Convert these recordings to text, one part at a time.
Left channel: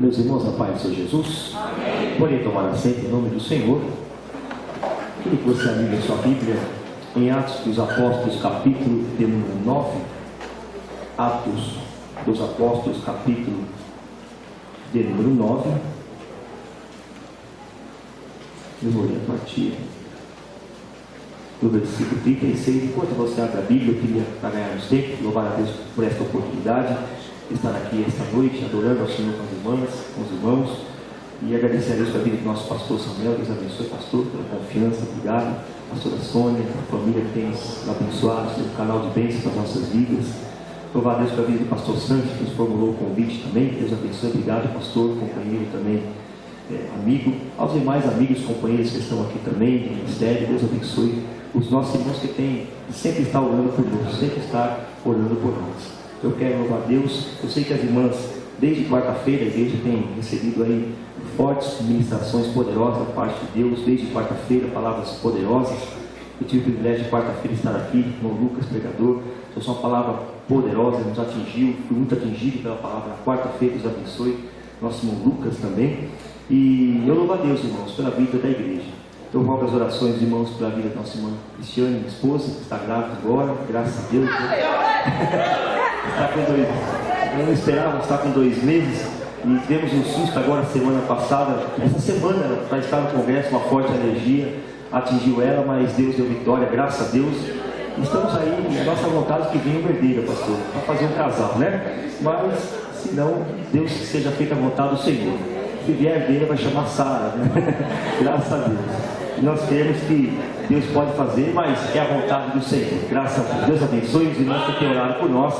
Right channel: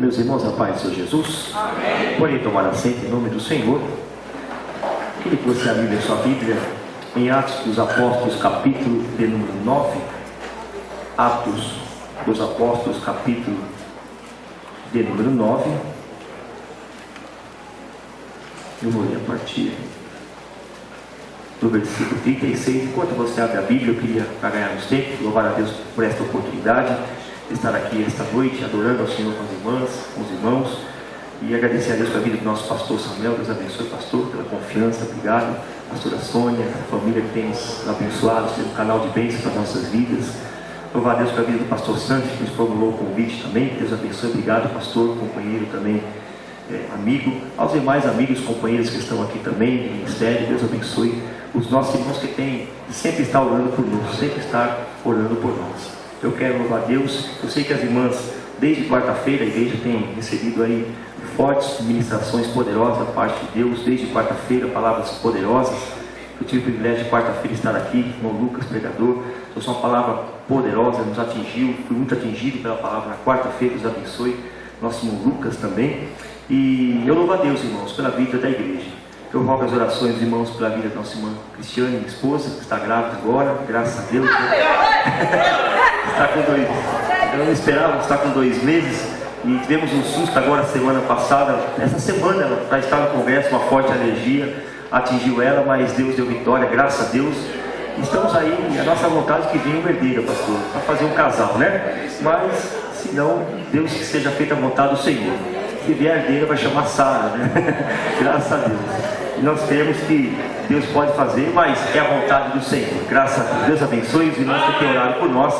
Meus irmãos, a paz do Senhor Jesus. Amém. Podem tomar assento em nome do Senhor. Queria que você abrisse a sua Bíblia em Atos dos Apóstolos, capítulo de número 9. Atos dos Apóstolos, capítulo de número 9. Eu vou ler a partir do versículo 36. Enquanto você abre a Bíblia, eu queria, para ganharmos tempo, louvar a Deus por esta oportunidade de estar aqui esta noite, adorando ao Senhor com as irmãs, com os irmãos, e agradecer a Deus pela vida do nosso pastor Samuel. Deus abençoe, pastor, pela confiança. Obrigado, pastora Sônia, a família que tem nos abençoado, pelo canal de bênçãos para as nossas vidas. Louvar a Deus pela vida do pastor Santos, que nos formulou o convite também. Deus abençoe. Obrigado, pastor, companheiro também, amigo. Aos demais amigos, companheiros que estão aqui também, do ministério, Deus abençoe. Os nossos irmãos que têm, que sempre estão orando por nós, sempre estão orando por nós. Eu quero louvar a Deus. Eu sei que as irmãs, desde quarta-feira, a igreja tem recebido aí fortes ministrações poderosas da parte de Deus. Desde quarta-feira, palavras poderosas. Eu tive o privilégio de quarta-feira estar aqui, irmão Lucas, pregador. Trouxe uma palavra poderosa, nos atingiu. Fui muito atingido pela palavra na quarta-feira. Deus abençoe. Nosso irmão Lucas também. E eu louvo a Deus, irmãos, pela vida da igreja. Eu rogo as orações dos irmãos pela vida da nossa irmã Cristiane, minha esposa, que está grávida agora, graças a Deus. Está com 2 meses. Eu não esperava, está com 2 meses. E tivemos um susto agora semana passada. Essa semana ela já estava em conversa, uma forte alergia atingiu ela, mas Deus deu vitória, graças a Deus. Estamos aí, a nossa vontade é que venha uma herdeira, pastor, para fazer um casal, né? Mas, se não, Deus que seja feita a vontade do Senhor. Se vier a herdeira, vai chamar Sara, né? Graças a Deus. E nós queremos que Deus pode fazer, mas é a vontade do Senhor. Graças a Deus. Deus abençoe os irmãos que têm orado por nós.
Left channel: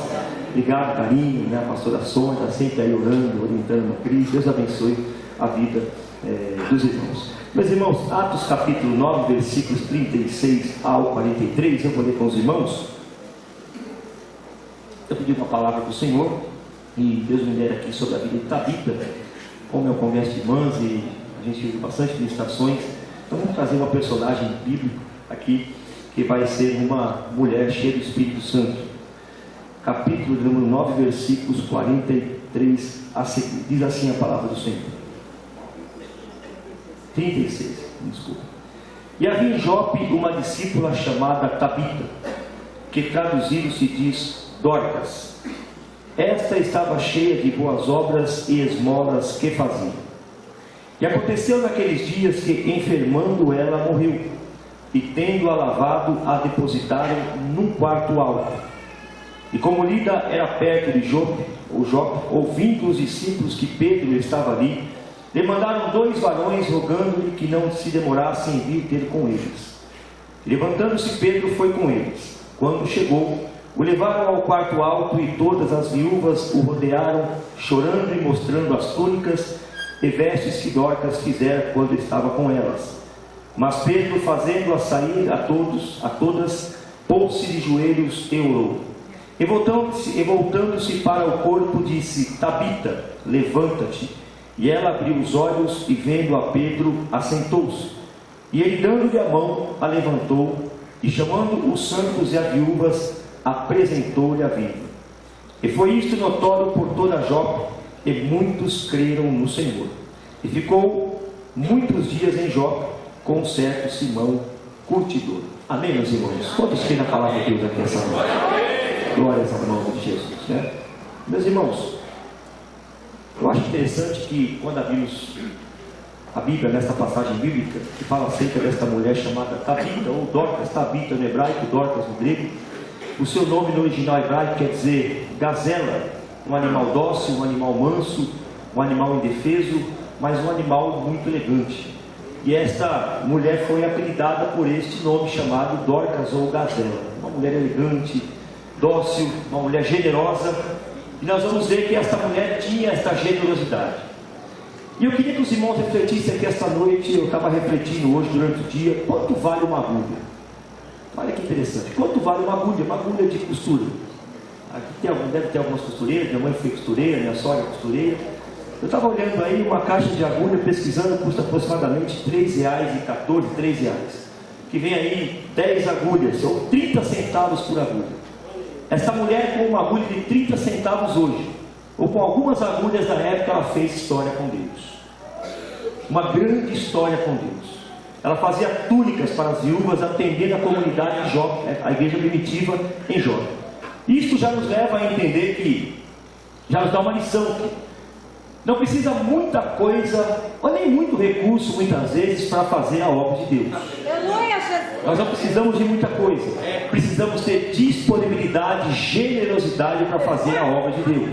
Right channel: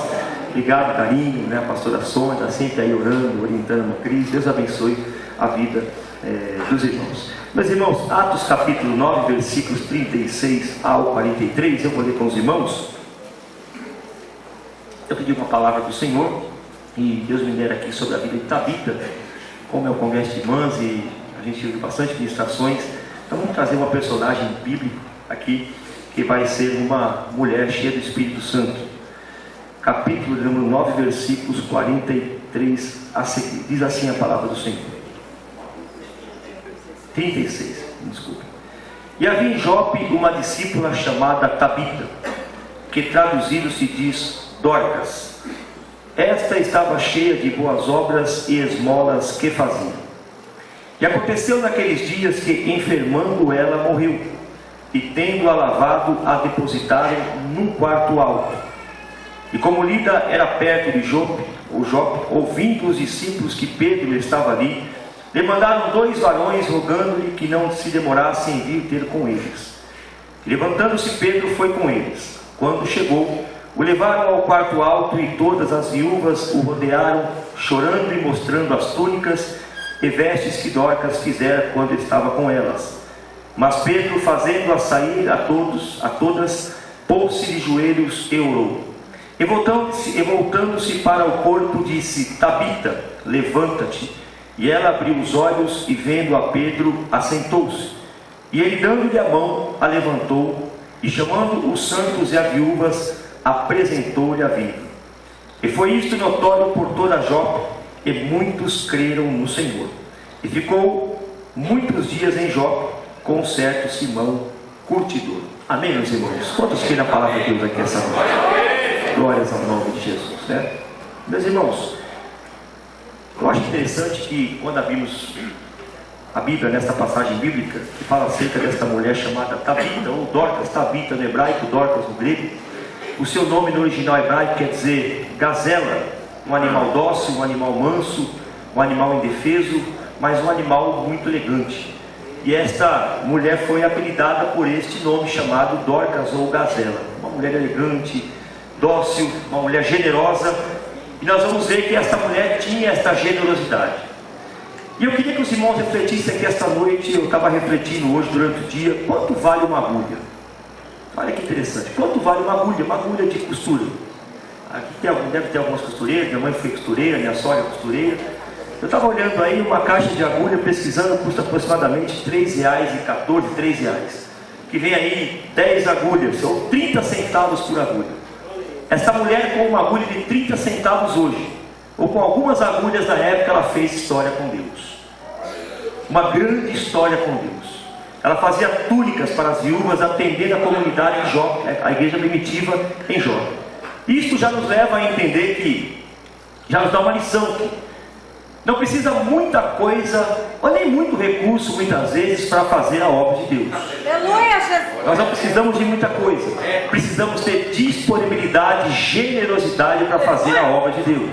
Obrigado, carinho, né? A pastora Sônia está sempre aí orando, orientando a Cris. Deus abençoe a vida dos irmãos. Meus irmãos, Atos capítulo 9, versículos 36 ao 43. Eu vou ler com os irmãos. Eu pedi uma palavra do Senhor e Deus me dera aqui sobre a vida de Tabita. Como é o congresso de irmãs e a gente viu bastante ministrações, então vamos trazer uma personagem bíblica aqui, que vai ser uma mulher cheia do Espírito Santo. Capítulo número 9, versículos 43 a seguir. Diz assim a palavra do Senhor. 36, desculpa. E havia em Jope uma discípula chamada Tabita, que traduzido se diz Dorcas. Esta estava cheia de boas obras e esmolas que fazia. E aconteceu naqueles dias que, enfermando ela, morreu, e tendo-a lavado, a depositaram num quarto alto. E como Lida era perto de Jope, ouvindo os discípulos que Pedro estava ali, lhe mandaram 2 varões, rogando-lhe que não se demorasse em vir ter com eles. E levantando-se, Pedro foi com eles. Quando chegou, o levaram ao quarto alto, e todas as viúvas o rodearam, chorando e mostrando as túnicas e vestes que Dorcas fizera quando estava com elas. Mas Pedro, fazendo-a sair a todas, pôs-se de joelhos e orou. E voltando-se para o corpo, disse: Tabita, levanta-te. E ela abriu os olhos, e vendo a Pedro, assentou-se. E ele, dando-lhe a mão, a levantou, e chamando os santos e as viúvas, apresentou-lhe a vida. E foi isto notório por toda Jope, e muitos creram no Senhor. E ficou muitos dias em Jope com um certo Simão curtidor. Amém, meus irmãos? Quantos creem na palavra de Deus aqui essa noite? Glórias ao nome de Jesus, né? Meus irmãos, eu acho interessante que quando abrimos a Bíblia nesta passagem bíblica, que fala acerca desta mulher chamada Tabita, ou Dorcas, Tabita no hebraico, Dorcas no grego. O seu nome no original hebraico quer dizer gazela, um animal dócil, um animal manso, um animal indefeso, mas um animal muito elegante. E esta mulher foi apelidada por este nome chamado Dorcas ou gazela. Uma mulher elegante, dócil, uma mulher generosa. E nós vamos ver que esta mulher tinha esta generosidade. E eu queria que os irmãos refletissem aqui esta noite. Eu estava refletindo hoje durante o dia, quanto vale uma agulha? Olha que interessante, quanto vale uma agulha de costura? Aqui deve ter algumas costureiras, minha mãe foi costureira, minha sogra costureira. Eu estava olhando aí, uma caixa de agulha, pesquisando, custa aproximadamente R$3,14, R$3. Que vem aí 10 agulhas, ou 30 centavos por agulha. Essa mulher com uma agulha de 30 centavos hoje, ou com algumas agulhas da época, ela fez história com Deus. Uma grande história com Deus. Ela fazia túnicas para as viúvas, atendendo a comunidade de Jó, a igreja primitiva em Jó. Isto já nos leva a entender que, já nos dá uma lição que não precisa muita coisa, ou nem muito recurso, muitas vezes, para fazer a obra de Deus. Nós não precisamos de muita coisa. Precisamos ter disponibilidade, generosidade para fazer a obra de Deus.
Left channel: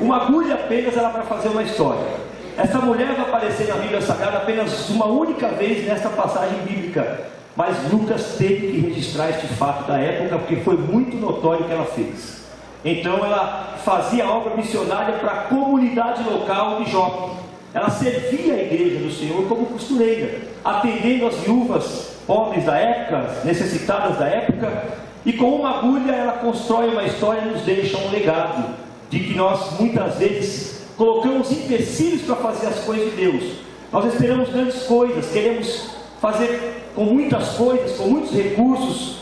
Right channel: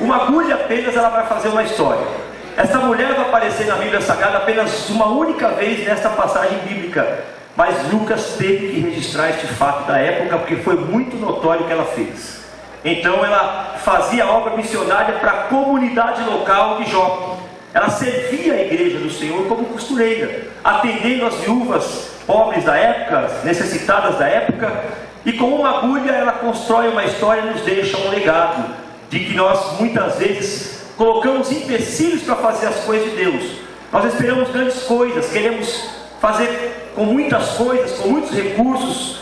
Uma agulha apenas, ela vai fazer uma história. Essa mulher vai aparecer na Bíblia Sagrada apenas uma única vez nesta passagem bíblica. Mas Lucas teve que registrar este fato da época, porque foi muito notório o que ela fez. Então ela fazia obra missionária para a comunidade local de Jó. Ela servia a igreja do Senhor como costureira, atendendo as viúvas pobres da época, necessitadas da época, e com uma agulha ela constrói uma história e nos deixa um legado de que nós muitas vezes colocamos empecilhos para fazer as coisas de Deus. Nós esperamos grandes coisas, queremos fazer com muitas coisas, com muitos recursos.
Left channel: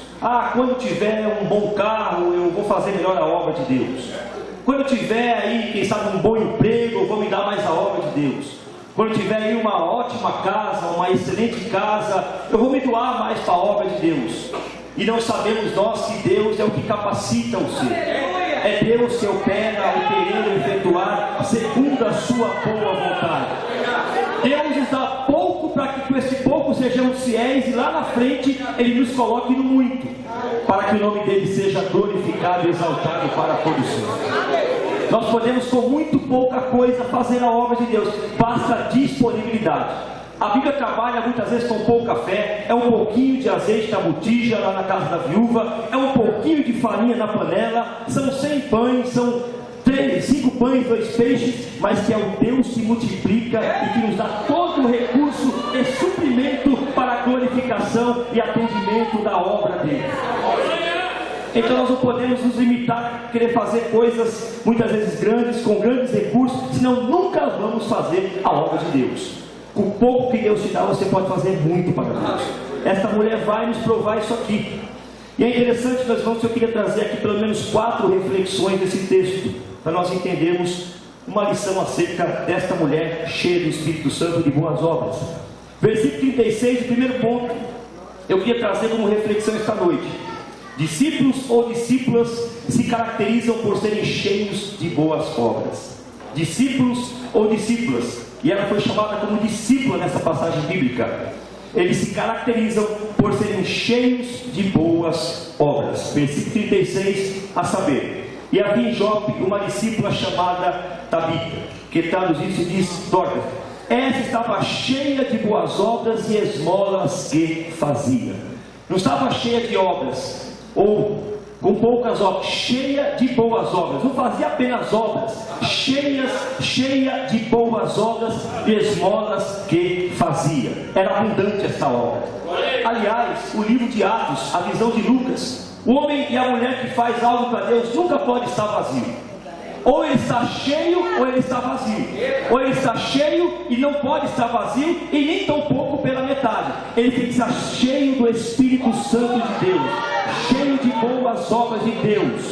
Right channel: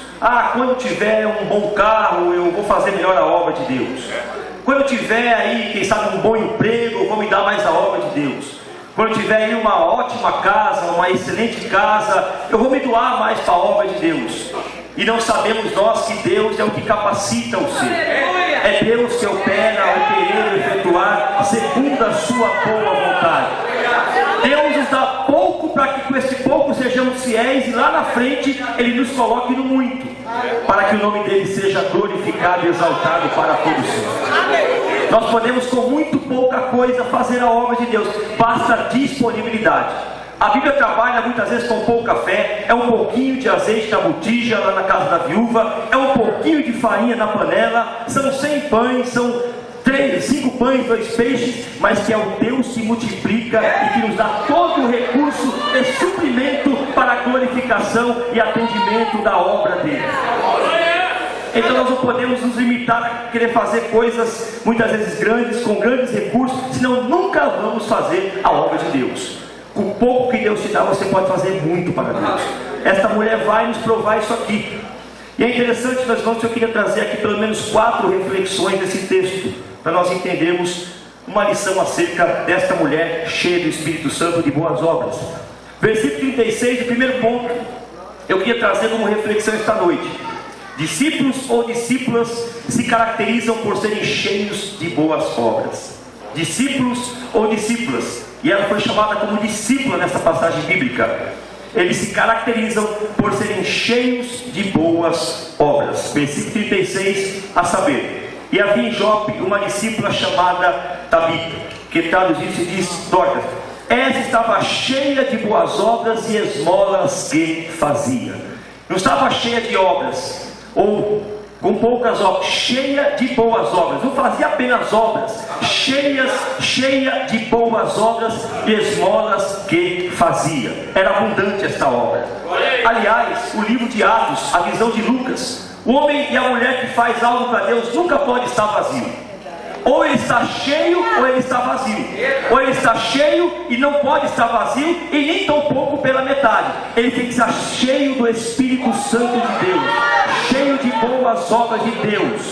Quando tiver um bom carro, eu vou fazer melhor a obra de Deus. Quando eu tiver aí, quem sabe, um bom emprego, eu vou me dar mais a obra de Deus. Quando eu tiver aí uma ótima casa, uma excelente casa, eu vou me doar mais para a obra de Deus. E não sabemos nós que Deus é o que capacita o ser. É Deus que opera o querer e efetuar segundo a sua boa vontade. Deus nos dá pouco para que com esse pouco sejamos fiéis, e lá na frente Ele nos coloque no muito, para que o nome dEle seja glorificado e exaltado para todos sempre. Nós podemos com muito pouca coisa fazer a obra de Deus, basta disponibilidade. A Bíblia trabalha muitas vezes com pouca fé. É um pouquinho de azeite na botija lá na casa da viúva, é um pouquinho de farinha na panela, são 100 pães, são 5 pães, 2 peixes, mas que é o Deus que multiplica e que nos dá todo o recurso e suprimento para a glorificação e atendimento da obra dele. Então nós não podemos nos limitar a querer fazer coisas muitas vezes grandes, com grandes recursos, senão nunca vamos fazer a obra de Deus. Com pouco que Deus te dá, você pode fazer muito para Deus. Esta mulher vai nos provar isso aqui. E é interessante, meus irmãos, que eu queria trazer aqui pelo menos 4 reflexões desse texto, para nós entendermos uma lição acerca desta mulher cheia do Espírito Santo de boas obras. Versículo 36, o primeiro ponto, eu queria trazer como reflexão esta noite. Discípulos ou discípulas se caracterizam por serem cheios de boas obras. Discípulos ou discípulas, e ela foi chamada como discípula nessa passagem bíblica. Eles se caracterizam por serem cheios de boas obras. Versículo 36, a saber: e havia em Jope uma discípula chamada Tabita, que traduzido se diz Dorcas. Essa estava cheia de boas obras e esmolas que fazia. Não estava cheia de obras, ou com poucas obras, cheia de boas obras. Não fazia apenas obras, cheia de boas obras e esmolas que fazia. Era abundante esta obra. Aliás, o livro de Atos, a visão de Lucas, o homem e a mulher que faz algo para Deus nunca pode estar vazio. Ou ele está cheio ou ele está vazio. Ou ele está cheio e não pode estar vazio, e nem tão pouco pela metade. Ele tem que estar cheio do Espírito Santo de Deus, cheio de boas obras de Deus.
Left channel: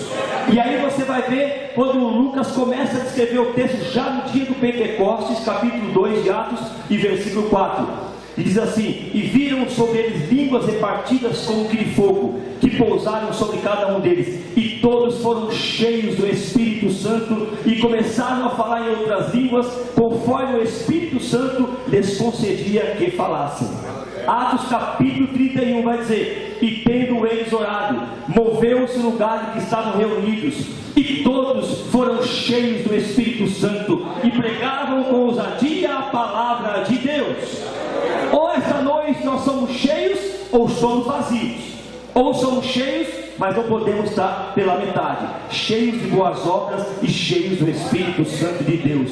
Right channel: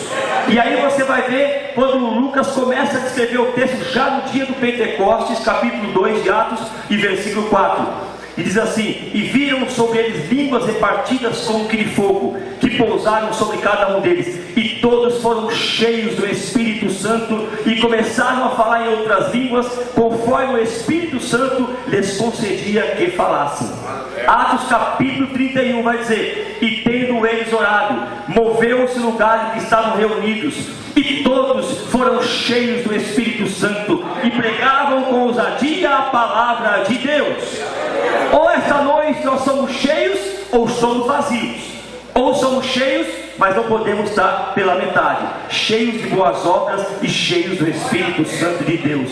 E aí você vai ver, quando Lucas começa a descrever o texto, já no dia do Pentecostes, capítulo 2 de Atos e versículo 4. E diz assim: e viram sobre eles línguas repartidas como que de fogo, que pousaram sobre cada um deles, e todos foram cheios do Espírito Santo, e começaram a falar em outras línguas, conforme o Espírito Santo lhes concedia que falassem. Atos capítulo 31 vai dizer: e tendo eles orado, moveu-se o lugar em que estavam reunidos, e todos foram cheios do Espírito Santo, e pregavam com ousadia a palavra de Deus. Ou esta noite nós somos cheios, ou somos vazios. Ou somos cheios, mas não podemos estar pela metade. Cheios de boas obras e cheios do Espírito Santo de Deus.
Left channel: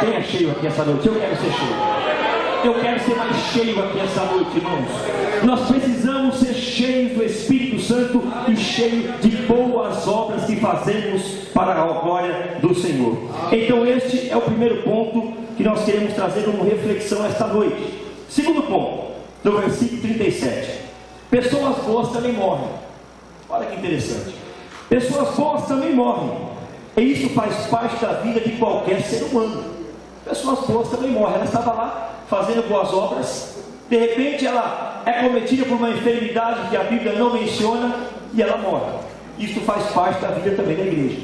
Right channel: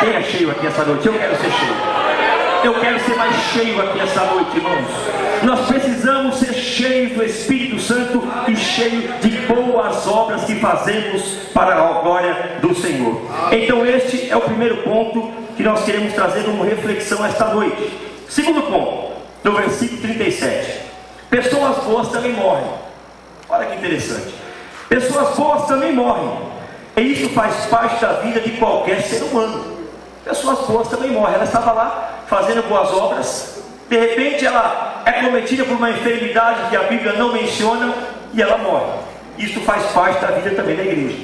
Quem é cheio aqui essa noite? Eu quero ser cheio. Eu quero ser mais cheio aqui essa noite, irmãos. Nós precisamos ser cheios do Espírito Santo e cheios de boas obras que fazemos para a glória do Senhor. Então este é o primeiro ponto que nós queremos trazer como reflexão esta noite. Segundo ponto, no versículo 37. Pessoas boas também morrem. Olha que interessante. Pessoas boas também morrem. E isso faz parte da vida de qualquer ser humano. Pessoas boas também morrem. Ela estava lá fazendo boas obras, de repente ela é cometida por uma enfermidade que a Bíblia não menciona e ela morre. Isso faz parte da vida também da igreja.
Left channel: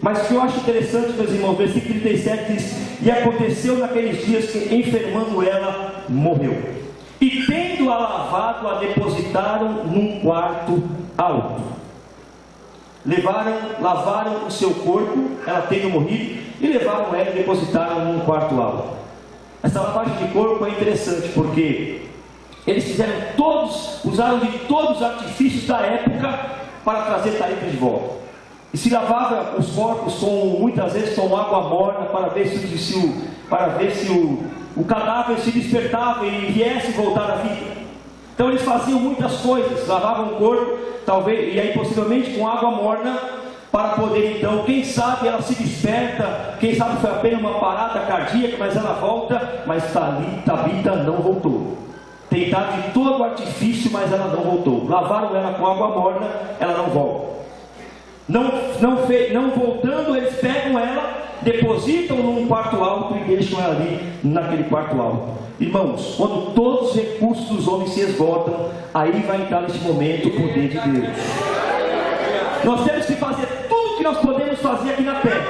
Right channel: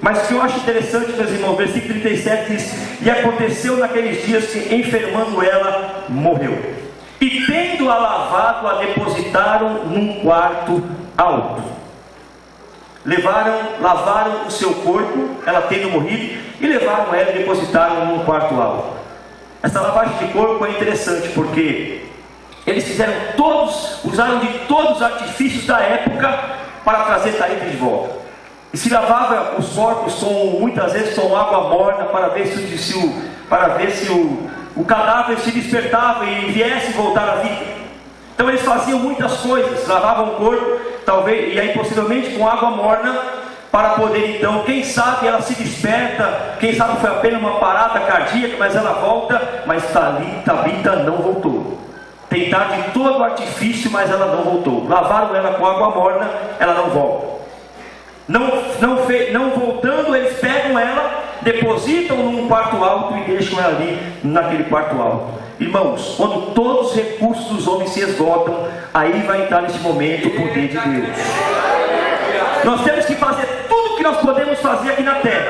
Mas o que eu acho interessante, meus irmãos, versículo 37 diz: e aconteceu naqueles dias que, enfermando ela, morreu. E tendo-a lavado, a depositaram num quarto alto. Lavaram o seu corpo, ela tendo morrido, e levaram ela e depositaram num quarto alto. Essa lavagem de corpo é interessante, porque eles usaram de todos os artifícios da época para trazer Talita de volta. E se lavava os corpos muitas vezes com água morna, para ver se o cadáver se despertava e viesse voltar à vida. Então eles faziam muitas coisas, lavavam o corpo, talvez, e aí possivelmente com água morna, para poder então, quem sabe ela se desperta, quem sabe foi apenas uma parada cardíaca, mas ela volta. Mas Tabita não voltou. Tentaram de todo o artifício, mas ela não voltou. Lavaram ela com água morna, ela não volta. Não voltando, eles pegam ela, depositam num quarto alto e deixam ela ali naquele quarto alto. Irmãos, quando todos os recursos dos homens se esgotam, aí vai entrar nesse momento o poder de Deus. Nós temos que fazer tudo o que nós podemos fazer aqui na terra,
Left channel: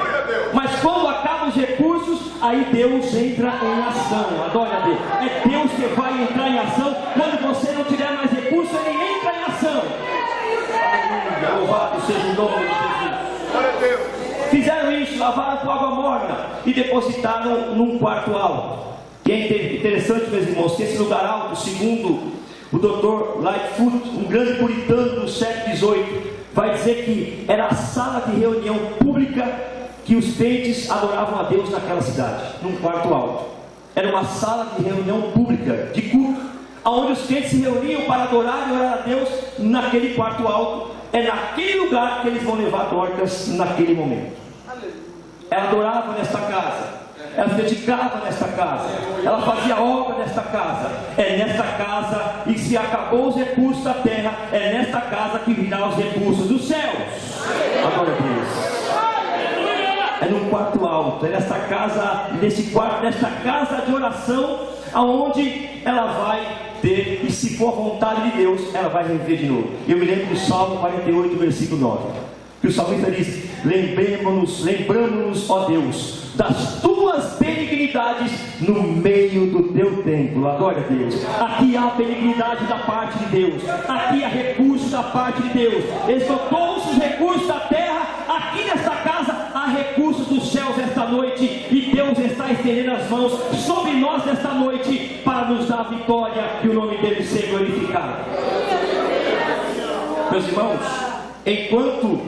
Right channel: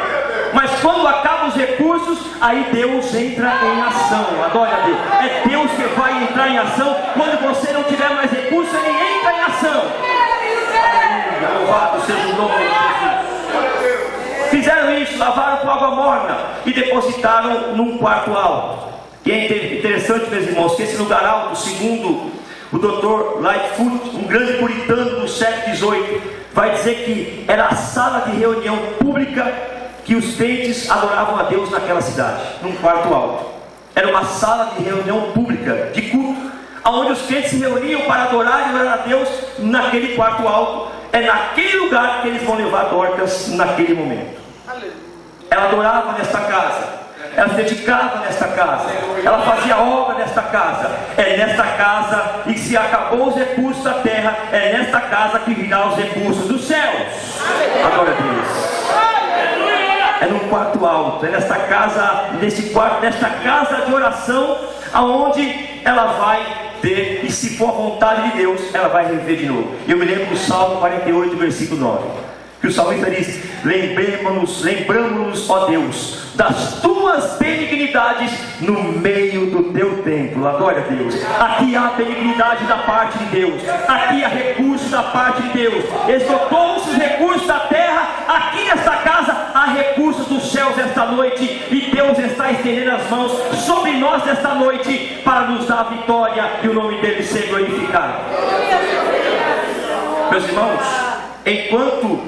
mas quando acabam os recursos, aí Deus entra em ação. Adore a Deus. É Deus que vai entrar em ação. Quando você não tiver mais recursos, Ele entra em ação. Aleluia, louvado seja o nome de Jesus. Fizeram isso, lavaram com água morna e depositaram num quarto alto. E é interessante, meus irmãos, que esse lugar alto, segundo o Dr. Lightfoot, um grande puritano do século XVIII, vai dizer que era a sala de reunião pública que os crentes adoravam a Deus naquela cidade, num quarto alto. Era uma sala de reunião pública, de culto, onde os crentes se reuniam para adorar e orar a Deus naquele quarto alto. É naquele lugar que eles vão levar Dorcas naquele momento. Ela adorava nesta casa, ela se dedicava nesta casa, ela fazia obra nesta casa. É nesta casa, e se acabou os recursos da terra, é nesta casa que virá os recursos dos céus. Glória a Deus. É no quarto alto, é nesta casa, nesta casa de oração, aonde ela vai ter, e se for a vontade de Deus, ela vai reviver de novo. Eu me lembro do Salmo 48, versículo 9, que o salmista diz: lembramos-nos, ó Deus, das tuas benignidades no meio do teu templo. Glória a Deus. Aqui há benignidade da parte de Deus, aqui há recursos da parte de Deus. Esgotou-se os recursos da terra, aqui nesta casa há recursos dos céus esta noite, e Deus está estendendo as mãos sobre nós nesta noite para nos dar a vitória e o nome dele ser glorificado. Meus irmãos, enquanto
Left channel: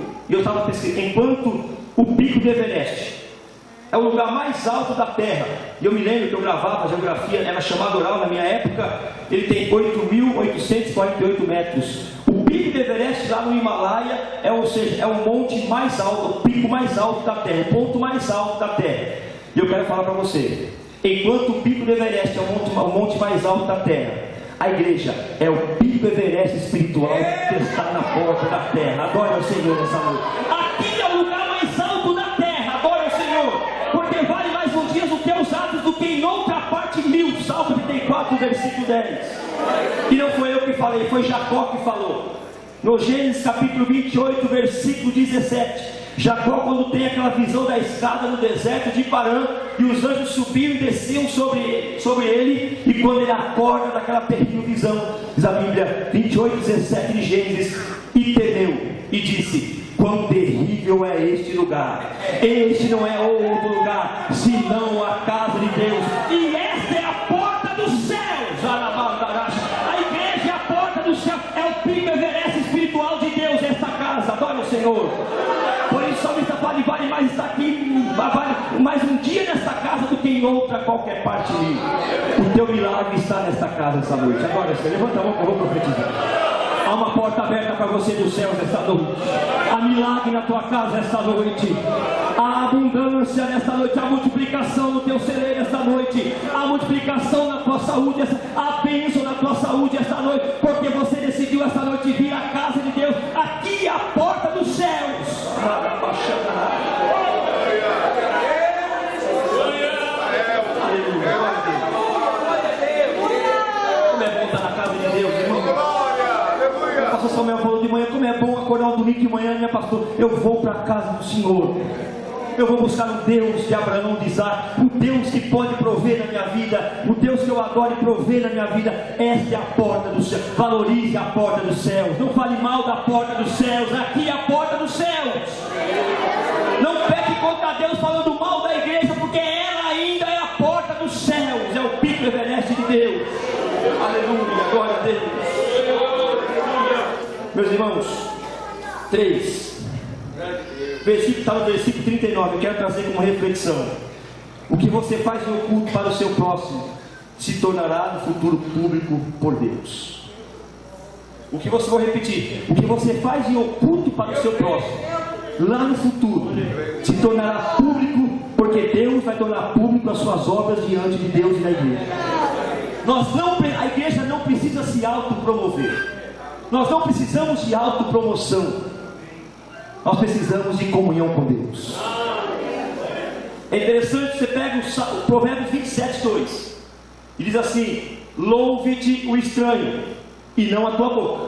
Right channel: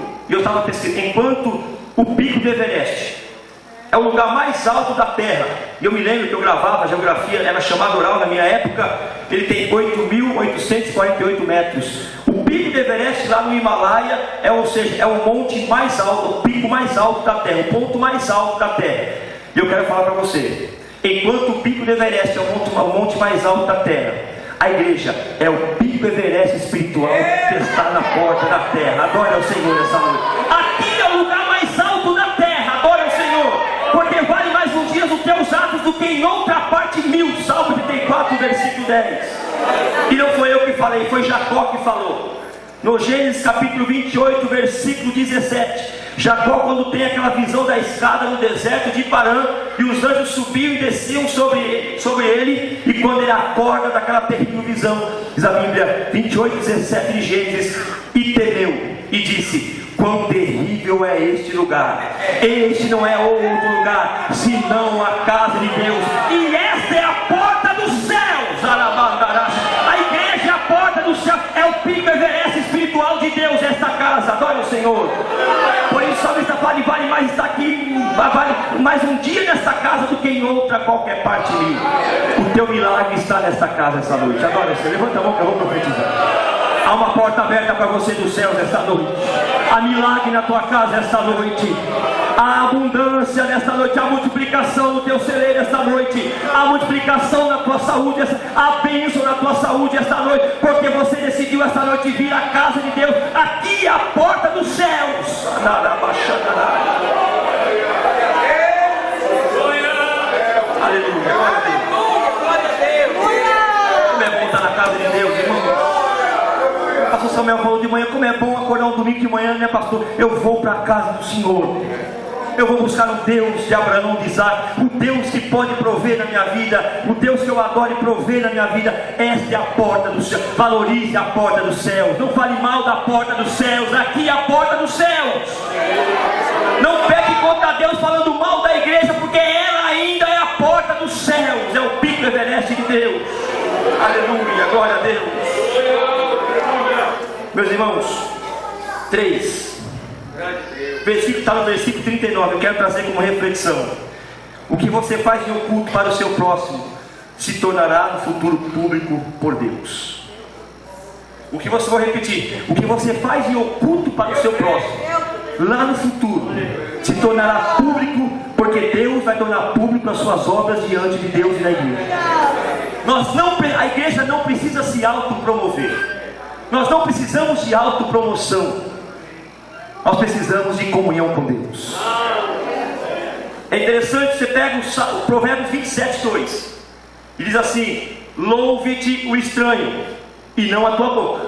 o pico do Everest é o lugar mais alto da terra, e eu me lembro que eu gravava a geografia, era chamado oral na minha época, ele tem 8.848 metros. O pico do Everest lá no Himalaia é o monte mais alto, o pico mais alto da terra, o ponto mais alto da terra. E eu quero falar para você, enquanto o pico do Everest é o monte mais alto da terra, a igreja é o pico Everest espiritual que está na porta da terra. Adore ao Senhor essa noite. Aqui é o lugar mais alto da terra. Adore ao Senhor, porque vale mais nos dias os teus atos do que em outra parte 1000. Salmo 34, versículo 10. E não foi eu que falei, foi Jacó que falou. No Gênesis capítulo 28, versículo 17. Jacó, quando tem aquela visão da escada no deserto de Parã, e os anjos subiam e desciam sobre ele, e quando ele acorda daquela terrível visão, diz a Bíblia, 28, 17 de Gênesis, e temeu, e disse: quão terrível é este lugar! Este não é outro lugar, senão a casa de Deus, e esta é a porta dos céus. A igreja é a porta dos céus, é o pico Everest espiritual de Deus, esta casa. Adore o Senhor. Por isso o salmista fala: vale mais estar aqui, vale mais um dia nesta casa do que em outra qualquer parte minha. O teu milagre está nesta casa essa noite. Adora você, levanta a mão que eu vou profetizar. Há uma porta aberta para você dos céus esta noite. Há milagre na tua casa esta noite. Há abundância nesta noite. Há multiplicação no teu celeiro esta noite. Há multiplicação na tua saúde. Há bênção na tua saúde esta noite, porque você decidiu esta noite vir à casa de Deus. Aqui é a porta dos céus. domingo de manhã, né, pastor? Eu vou para a casa do Senhor. Eu vou buscar um Deus de Abraão, de Isaac, o Deus que pode prover na minha vida, o Deus que eu adoro e prover na minha vida. Esta é a porta do céu. Valorize a porta dos céus. Não fale mal da porta dos céus. Aqui é a porta dos céus. Não peque contra Deus falando mal da igreja, porque ela ainda é a porta dos céus. É o pico evereste de Deus. Aleluia, glória a Deus. Meus irmãos, 3. Versículo está no versículo 39. Eu quero trazer como reflexão: o que você faz em oculto para o seu próximo se tornará no futuro público por Deus. O que você vai repetir? O que você faz em oculto para o seu próximo, lá no futuro, se tornará público, porque Deus vai tornar público as suas obras diante de Deus e da igreja. A igreja não precisa se autopromover. Nós não precisamos de autopromoção. Nós precisamos de comunhão com Deus. É interessante, você pega o Provérbios 27:2 e diz assim: louve-te o estranho e não a tua boca.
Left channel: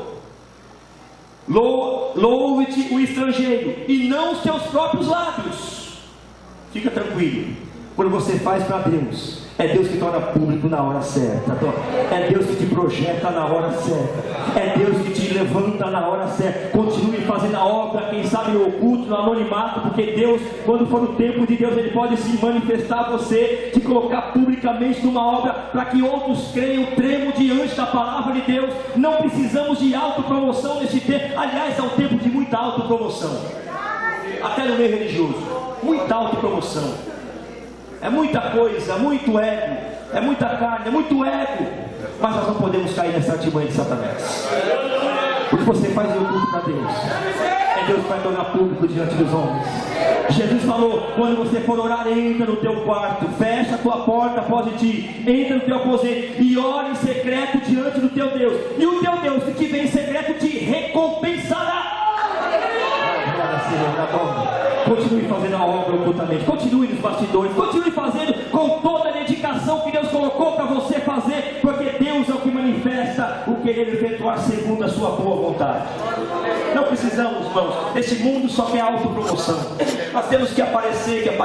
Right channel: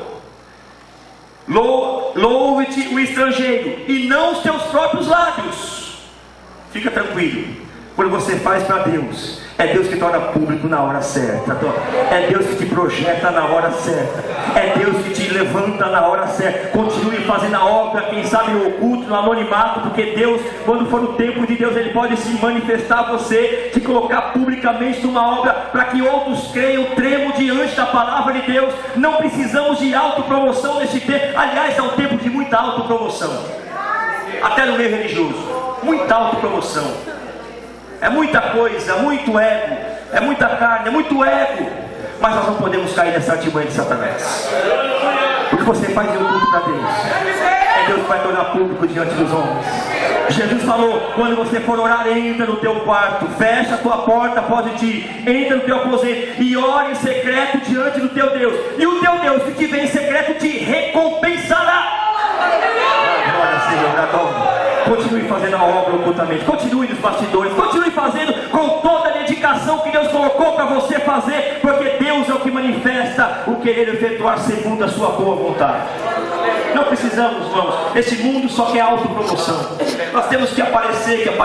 Louve-te o estrangeiro e não os teus próprios lábios. Fica tranquilo, quando você faz para Deus, é Deus que torna público na hora certa. É Deus que te projeta na hora certa. É Deus que te levanta na hora certa. Continue fazendo a obra, quem sabe no oculto, no anonimato, porque Deus, quando for o tempo de Deus, Ele pode se manifestar a você, te colocar publicamente numa obra, para que outros creiam, tremam diante da palavra de Deus. Não precisamos de autopromoção nesse tempo. Aliás, é um tempo de muita autopromoção, até no meio religioso. Muita autopromoção. É muita coisa, muito ego, é muita carne, é muito ego. Mas nós não podemos cair nessa artimanha de Satanás. O que você faz em oculto para Deus, é Deus que vai tornar público diante dos homens. Jesus falou: quando você for orar, entra no teu quarto, fecha a tua porta após de ti, entra no teu aposento e ora em secreto diante do teu Deus. E o teu Deus que te vê em secreto te recompensará. Glória, Senhor, adoro. Continue fazendo a obra ocultamente, continue nos bastidores, continue fazendo com toda a dedicação que Deus colocou para você fazer, porque Deus é o que manifesta o querer efetuar segundo a sua boa vontade. Não precisamos, irmãos, esse mundo só quer autopromoção. Nós temos que aparecer,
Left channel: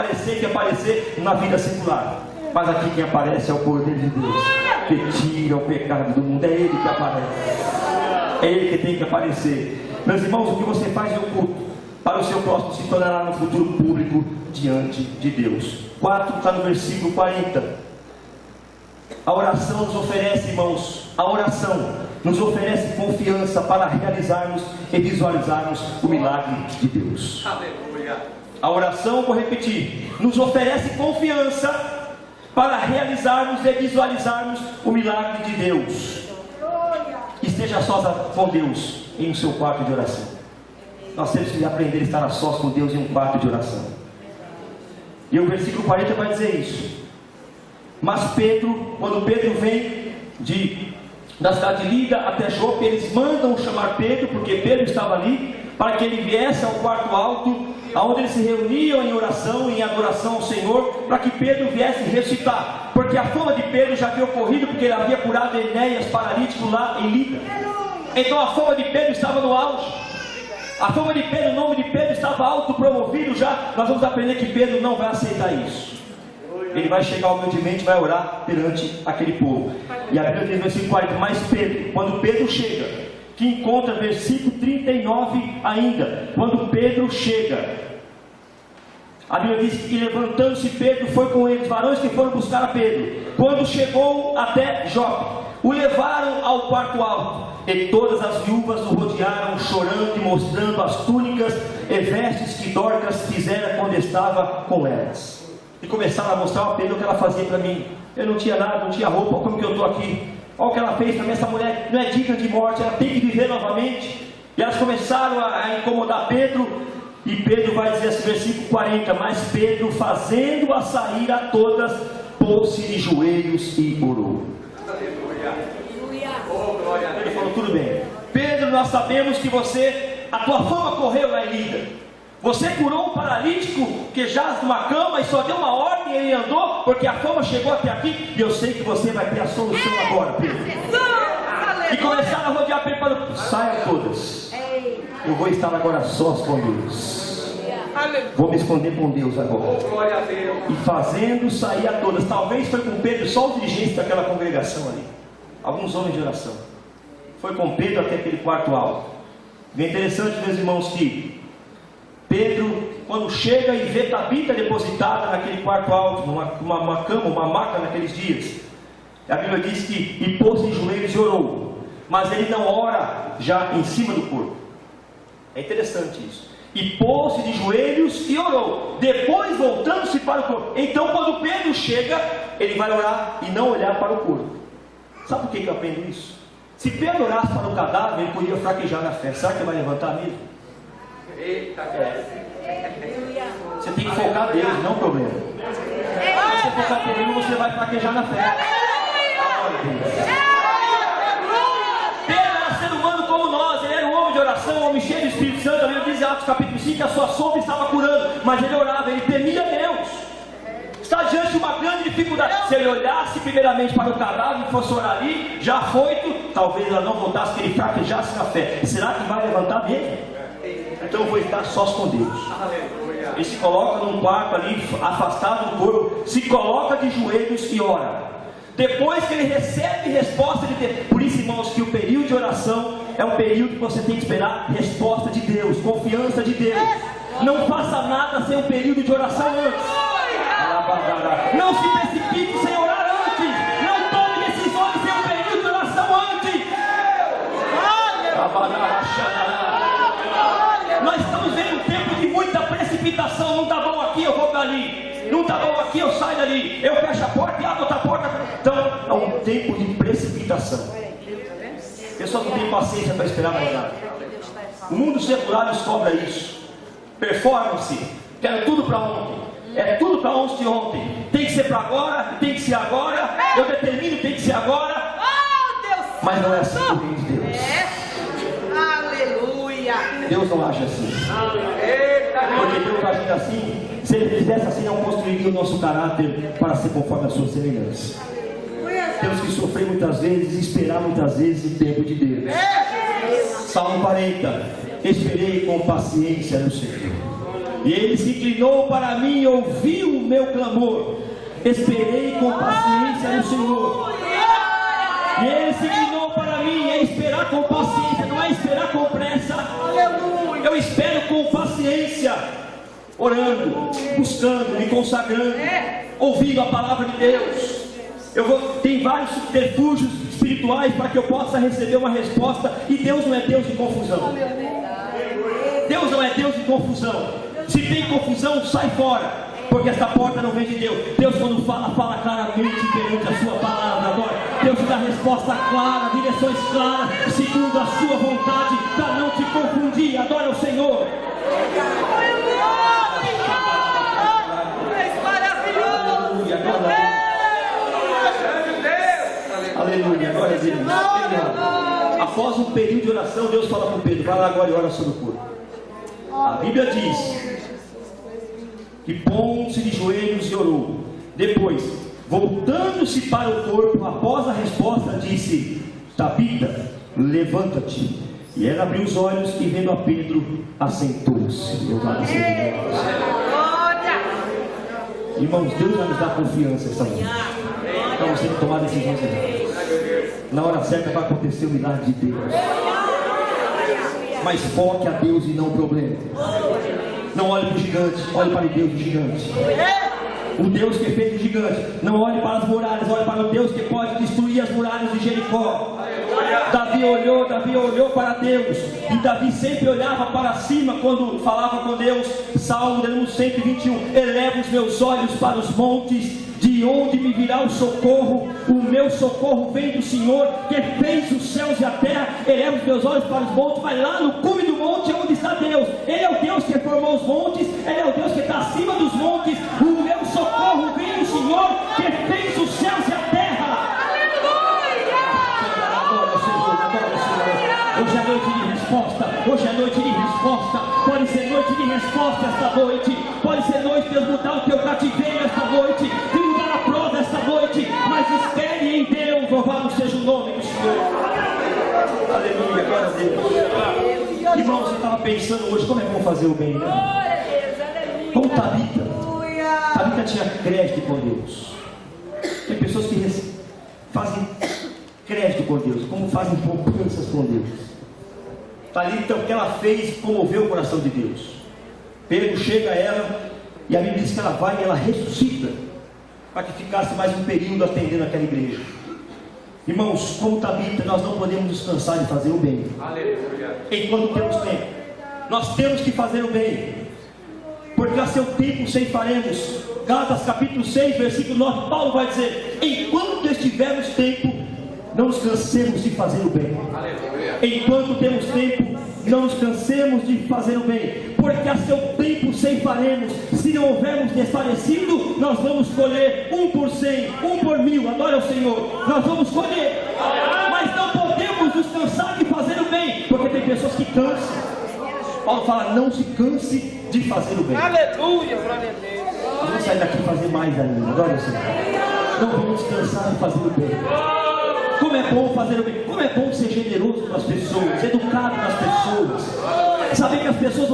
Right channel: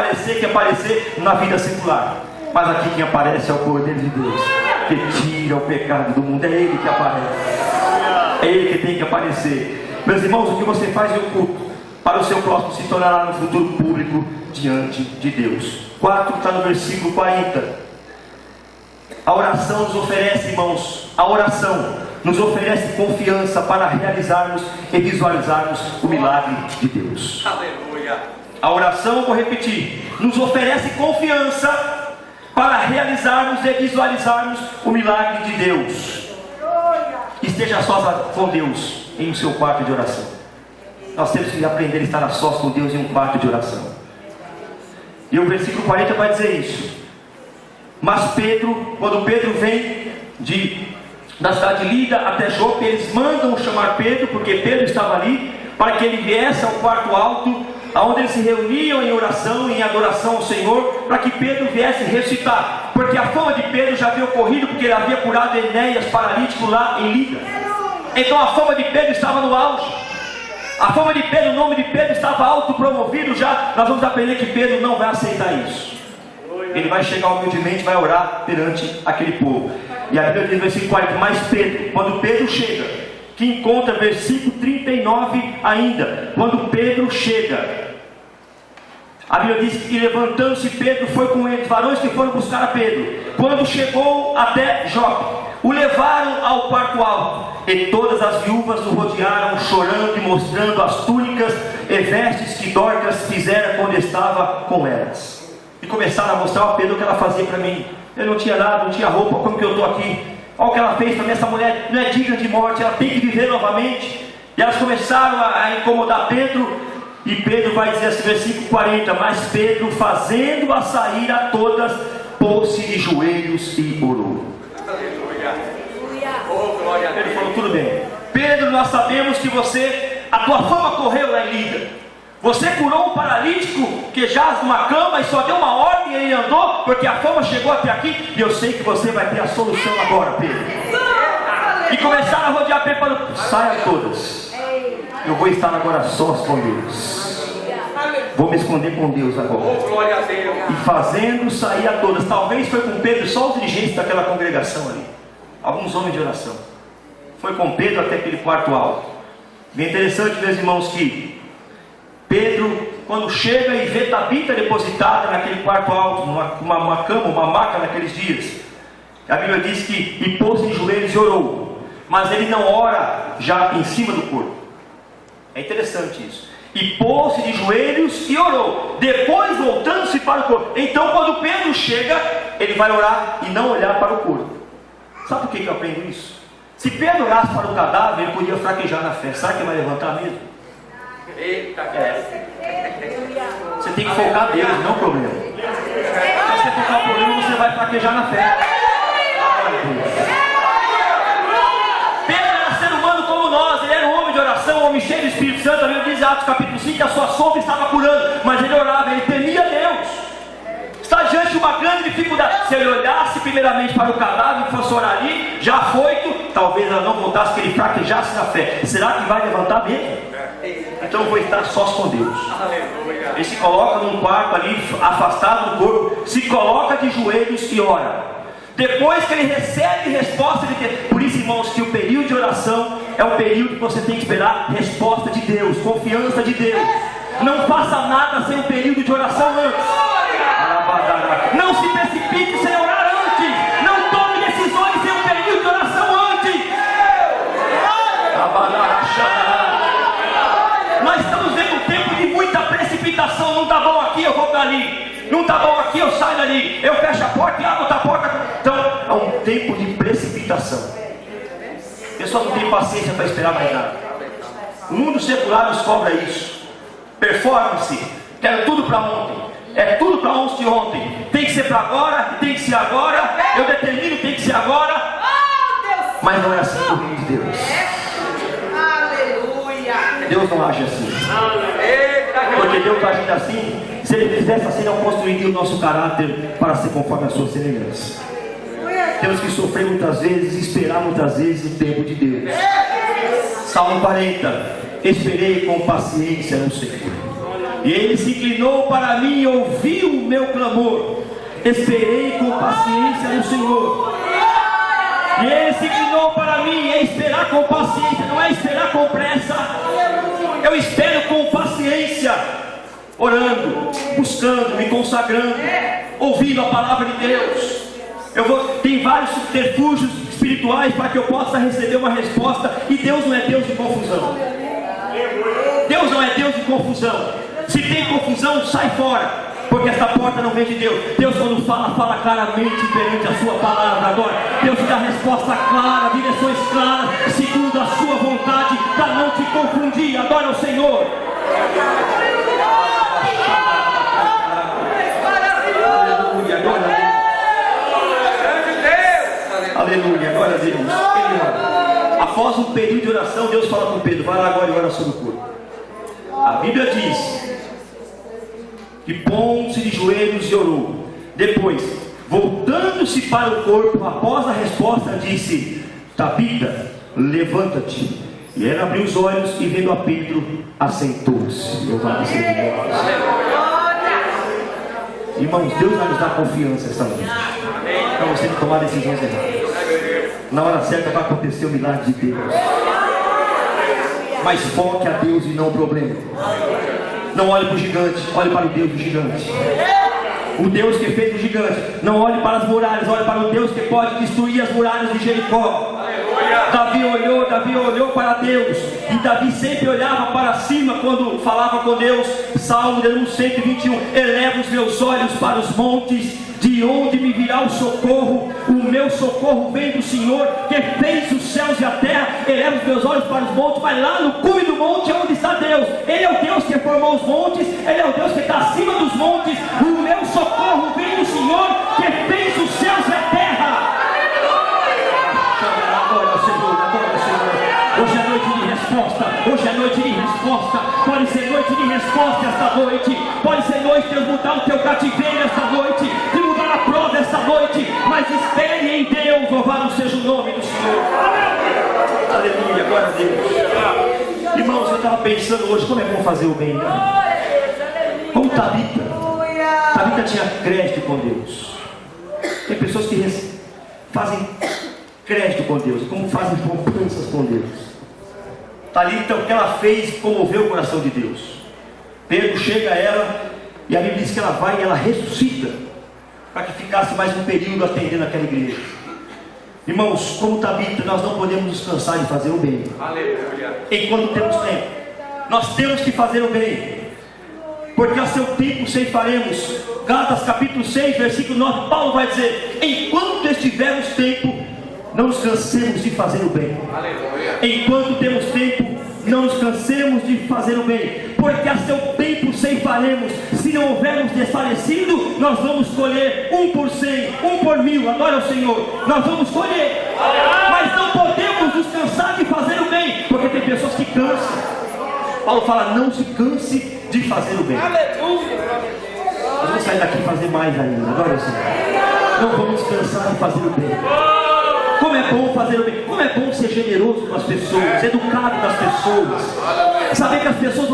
na vida secular. Mas aqui quem aparece é o Cordeiro de Deus, que tira o pecado do mundo. É Ele que aparece, é Ele que tem que aparecer. Meus irmãos, o que você faz em oculto para o seu próximo se tornará no futuro público diante de Deus. 4 está no versículo 40. A oração nos oferece, irmãos, a oração nos oferece confiança para realizarmos e visualizarmos o milagre de Deus. A oração, vou repetir, nos oferece confiança para realizarmos e visualizarmos o milagre de Deus. Esteja sós com Deus em seu quarto de oração. Nós temos que aprender a estar a sós com Deus em um quarto de oração. E o versículo 40 vai dizer isso. Mas Pedro, quando Pedro vem da cidade de Lida até Jope, eles mandam chamar Pedro, porque Pedro estava ali, para que ele viesse ao quarto alto, onde eles se reuniam em oração, em adoração ao Senhor, para que Pedro viesse recitar, porque a fama de Pedro já havia ocorrido, porque ele havia curado Enéas paralítico lá em Lida. Então a fama de Pedro estava no auge. A fama de Pedro, o nome de Pedro estava autopromovido já. Nós vamos aprender que Pedro não vai aceitar isso. Ele vai chegar humildemente, vai orar perante aquele povo. E a Bíblia diz no versículo 40, mas Pedro, quando Pedro chega, que encontra versículo 39 ainda, quando Pedro chega, a Bíblia diz que levantando-se Pedro foi com eles, varões que foram buscar a Pedro. Quando chegou até Jope, o levaram ao quarto alto, e todas as viúvas o rodearam, chorando e mostrando as túnicas e vestes que Dorcas fizera quando estava com elas. E começaram a mostrar a Pedro o que ela fazia para mim. Eu não tinha nada, não tinha roupa, como que eu estou aqui? Olha o que ela fez para mim, essa mulher não é digna de morte, ela tem que viver novamente. E elas começaram a incomodar Pedro, e Pedro vai dizer assim, versículo 40, mas Pedro, fazendo-a sair a todas, pôs-se de joelhos e orou. Ele falou, tudo bem, Pedro, nós sabemos que a tua fama correu lá em Lida. Você curou um paralítico que jaz numa cama e só deu uma ordem e ele andou, porque a fama chegou até aqui, e eu sei que você vai ter a solução agora, Pedro. E começaram a rodear Pedro, saia todas. Eu vou estar agora sós com Deus. Vou me esconder com Deus agora. E fazendo sair a todas. Talvez foi com Pedro só os dirigentes daquela congregação ali. Alguns homens de oração. Foi com Pedro até aquele quarto alto. E é interessante, meus irmãos, que Pedro, quando chega e vê Tabita depositada naquele quarto alto, uma cama, uma maca naqueles dias, a Bíblia diz que pôs-se em joelhos e orou. Mas ele não ora já em cima do corpo. É interessante isso. E pôs-se de joelhos e orou. Depois voltando-se para o corpo. Então quando Pedro chega, ele vai orar e não olhar para o corpo. Sabe por que eu aprendo isso? Se Pedro orasse para o cadáver, ele podia fraquejar na fé. Será que vai levantar mesmo? Você tem que focar Deus, não o problema. Se você focar o problema, você vai fraquejar na fé. Pedro era ser humano como nós. Ele era um homem de oração, um homem cheio do Espírito Santo. A Bíblia diz em Atos capítulo 5 que a sua sombra estava curando, mas ele orava, ele temia Deus. Está diante de uma grande dificuldade. Se ele olhasse primeiramente para o cadáver e fosse orar ali, já afoito, talvez ela não voltasse, que ele fraquejasse na fé. Será que vai levantar mesmo? Então eu vou estar sós com Deus. Ele se coloca num quarto ali, afastado do corpo, se coloca de joelhos e ora. Depois que ele recebe resposta de Deus. Por isso, irmãos, que o período de oração é o período que você tem que esperar resposta de Deus, confiança de Deus. Não faça nada sem um período de oração antes. Não se precipite sem orar antes. Não tome decisões sem um período de oração antes. Nós estamos vendo um tempo de muita precipitação. Não está bom aqui, eu vou para ali. Não está bom aqui, eu saio dali. Eu fecho a porta e abro outra porta. Então é um tempo de precipitação. O pessoal não tem paciência para esperar mais nada. O mundo secular nos cobra isso. Performance. Quero tudo para ontem. É tudo para ontem. Tem que ser para agora, tem que ser agora. Eu determino, tem que ser agora. Mas não é assim o reino de Deus. Aleluia. Deus não age assim. Porque Deus está agindo assim. Se Ele fizesse assim, não construiria o nosso caráter para ser conforme a sua semelhança. Temos que sofrer muitas vezes e esperar muitas vezes o tempo de Deus. Salmo 40. Esperei com paciência no Senhor, e Ele se inclinou para mim e ouviu o meu clamor. Esperei com paciência no Senhor, e Ele se inclinou para mim. É esperar com paciência, não é esperar com pressa. Eu espero com paciência, orando, buscando, me consagrando, ouvindo a palavra de Deus. Tem vários subterfúgios espirituais para que eu possa receber uma resposta. E Deus não é Deus de confusão. Deus não é Deus de confusão. Se tem confusão, sai fora, porque essa porta não vem de Deus. Deus, quando fala claramente perante a sua palavra. Agora Deus te dá resposta clara, direções claras, segundo a sua vontade, para não te confundir. Adora o Senhor. Aleluia, glória a Deus. Após um período de oração, Deus fala com Pedro: vai lá agora e ora sobre o corpo. A Bíblia diz que pôs-se de joelhos e orou. Depois, voltando-se para o corpo, após a resposta, disse: Tabita, levanta-te. E ela abriu os olhos e, vendo a Pedro, assentou-se. Louvado seja Deus. Irmãos, Deus vai nos dar confiança essa noite, para você não tomar decisões erradas. Na hora certa vai acontecer o milagre de Deus. Mas foque a Deus e não o problema. Não olhe para o gigante, olhe para o Deus do gigante. O Deus que fez o gigante. Não olhe para as muralhas, olhe para o Deus que pode destruir as muralhas de Jericó. Davi olhou para Deus, e Davi sempre olhava para cima quando falava com Deus. Salmo 121: eleva os meus olhos para os montes, de onde me virá o socorro? O meu socorro vem do Senhor, que fez os céus e a terra. Eleva os meus olhos para os montes, vai lá no cume do monte onde está Deus. Ele é o Deus que formou os montes, Ele é o Deus que está acima dos montes. O meu socorro vem do Senhor, que fez os céus e a terra. Hoje é noite de resposta. Hoje é noite de resposta. Pode ser noite de resposta esta noite. Pode ser noite de mudar o teu cativeiro esta noite, de mudar a prova esta noite. Mas espere em Deus. Louvado seja o nome do Senhor. Aleluia, glória a Deus. Irmãos, pensando hoje como é bom fazer o bem, né? Como Tabita tinha crédito com Deus. Tem pessoas que fazem crédito com Deus, como fazem poupanças com Deus. Tabita, o que ela fez comoveu o coração de Deus. Pedro chega a ela e a Bíblia diz que ela vai e ela ressuscita para que ficasse mais um período atendendo aquela igreja. Irmãos, como Tabita, nós não podemos descansar de fazer o bem. Enquanto temos tempo, nós temos que fazer o bem, porque a seu tempo ceifaremos. Gálatas capítulo 6, versículo 9, Paulo vai dizer: enquanto estivermos tempo, não nos cansemos de fazer o bem. Enquanto temos tempo, não nos cansemos de fazer o bem, porque a seu tempo ceifaremos. Se não houvermos desfalecido, nós vamos colher 1 por 100, 1 por 1000, adora o Senhor, nós vamos colher. Mas não podemos nos cansar de fazer o bem, porque tem pessoas que cansam. Paulo fala: não se canse de fazer o bem. Aleluia, glória a Deus. Vamos sair daqui e fazer mais ainda, adora o Senhor. Não vamos cansar de fazer o bem. Como é bom fazer o bem, como é bom ser generoso com as pessoas, educado com as pessoas, saber que as pessoas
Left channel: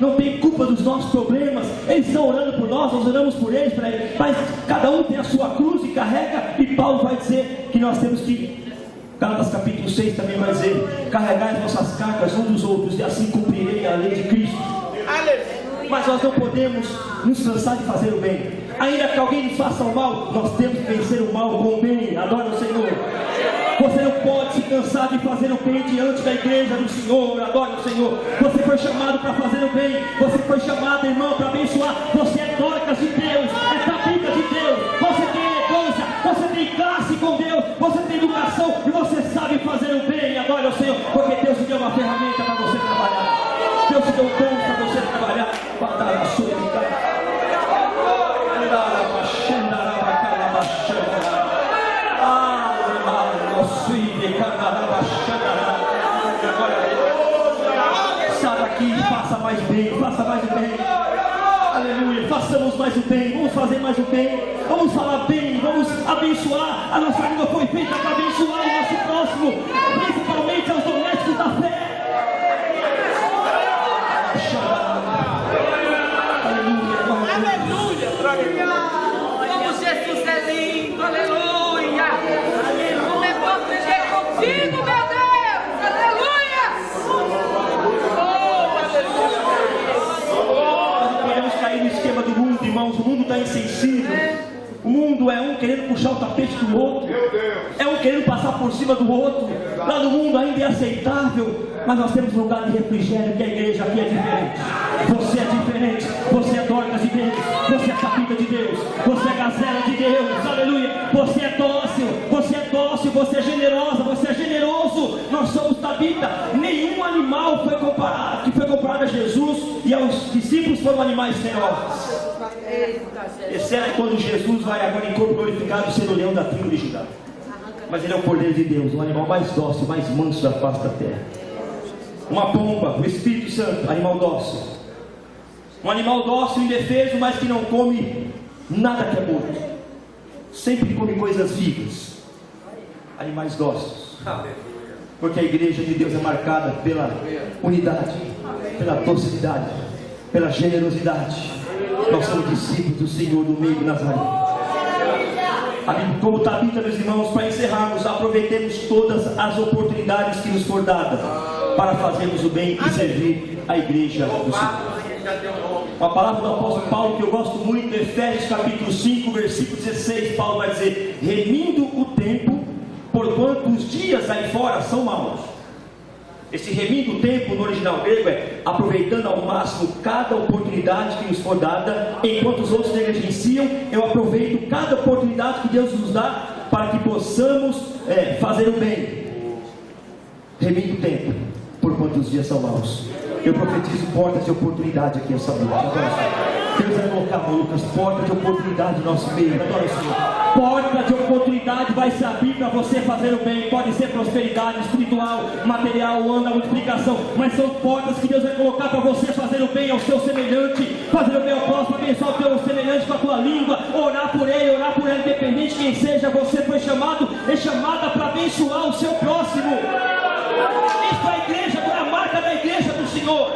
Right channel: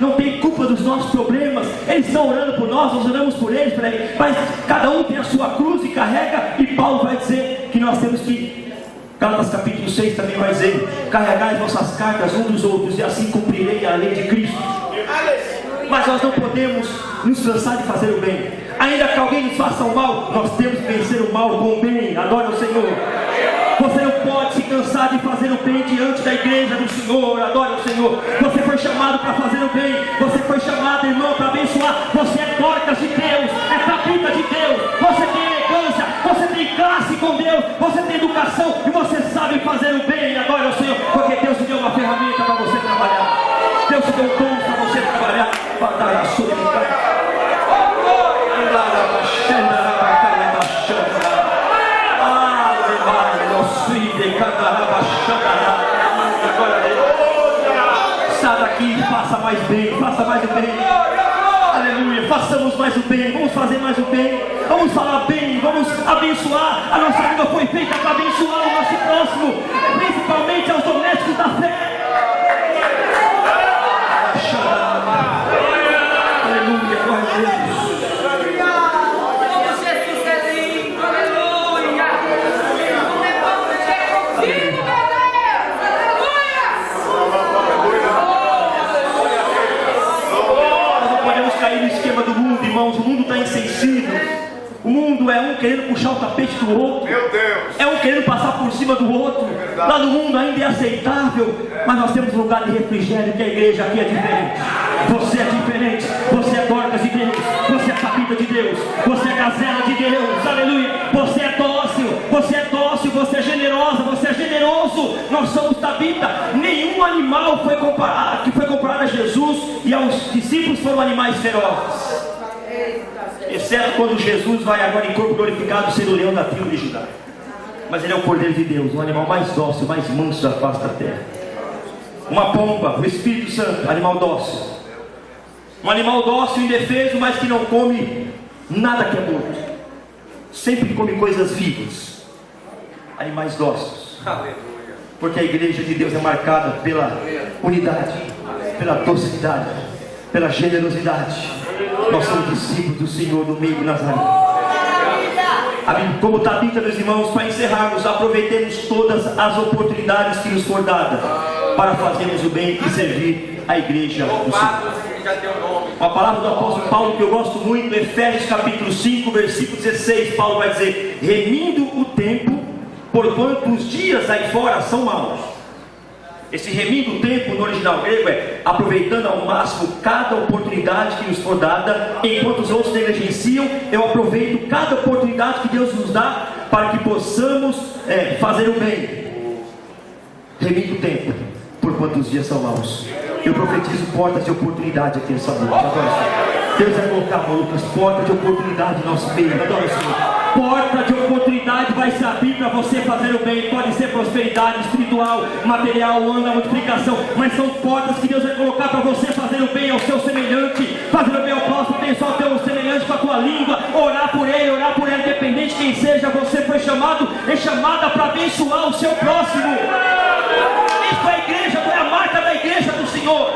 não têm culpa dos nossos problemas. Eles estão orando por nós oramos por eles, mas cada um tem a sua cruz e carrega. E Paulo vai dizer que nós temos que, Gálatas capítulo 6 também vai dizer: carregai as vossas cargas uns dos outros, e assim cumprirei a lei de Cristo. Mas nós não podemos nos cansar de fazer o bem. Ainda que alguém nos faça o mal, nós temos que vencer o mal com o bem. Adora o Senhor. Você não pode se cansar de fazer o bem diante da igreja do Senhor. Adora o Senhor. Você foi chamado para fazer o bem. Você foi chamado, irmão, para abençoar. Você é Dorcas de Deus, é Tabita de Deus. Você tem elegância, você tem classe com Deus, você tem educação e você sabe fazer o bem. Adora o Senhor, porque Deus te deu uma ferramenta para você trabalhar. Deus te deu um dom para você trabalhar. Batalha a sua vida. Sai daqui e faça mais bem, faça mais o bem. Aleluia, façamos mais o bem, vamos fazer mais o bem, vamos falar bem, vamos abençoar. A nossa língua foi feita para abençoar o nosso próximo, principalmente aos domésticos da fé. Aleluia, glória a Deus. Como Jesus é lindo, aleluia. Como é bom viver contigo, meu Deus, aleluia. Nós não podemos cair no esquema do mundo, irmãos. O mundo está insensível. O mundo é um querendo puxar o tapete do outro. Meu Deus. É um querendo passar por cima do outro. Lá no mundo ainda é aceitável, mas nós temos um lugar de refrigério, que a igreja aqui é diferente. Você é diferente. Você é Dorcas de Deus. Você é Tabita de Deus. Você é Gazela de Deus. Aleluia. Você é dócil. Você é dócil. Você é generosa. Você é generoso. Nós somos Tabita. Nenhum animal que foi comparado a Jesus e aos discípulos foram animais ferozes. Exceto quando Jesus vai agora em corpo glorificado ser o leão da tribo de Judá. Mas ele é o Cordeiro de Deus, o animal mais dócil, mais manso da face da terra. Uma pomba, o Espírito Santo, animal dócil. Um animal dócil, indefeso, mas que não come nada que é morto. Sempre come coisas vivas. Animais dóceis. Porque a igreja de Deus é marcada pela unidade, pela docilidade, pela generosidade. Nós somos discípulos do Senhor do meio Nazareno. Como Tabita, meus irmãos, para encerrarmos, aproveitemos todas as oportunidades que nos for dada para fazermos o bem e servir a igreja do Senhor. Uma palavra do apóstolo Paulo que eu gosto muito, Efésios capítulo 5, versículo 16, Paulo vai dizer: remindo o tempo, porquanto os dias aí fora são maus. Esse remindo o tempo no original grego é aproveitando ao máximo cada oportunidade que nos for dada. Enquanto os outros negligenciam, eu aproveito cada oportunidade que Deus nos dá para que possamos fazer o bem. Remindo o tempo, porquanto os dias são maus. Eu profetizo portas de oportunidade aqui nessa noite. Deus vai colocar, Lucas, porta de oportunidade no nosso meio. Adoro o Senhor. Porta de oportunidade vai se abrir para você fazer o bem. Pode ser prosperidade espiritual, material, anda, multiplicação, mas são portas que Deus vai colocar para você fazer o bem ao seu semelhante, fazer o bem ao próximo, abençoar o teu semelhante com a tua língua, orar por ele, independente de quem seja. Você foi chamado e chamada para abençoar o seu próximo. Isso é a igreja, é a marca da igreja do Senhor.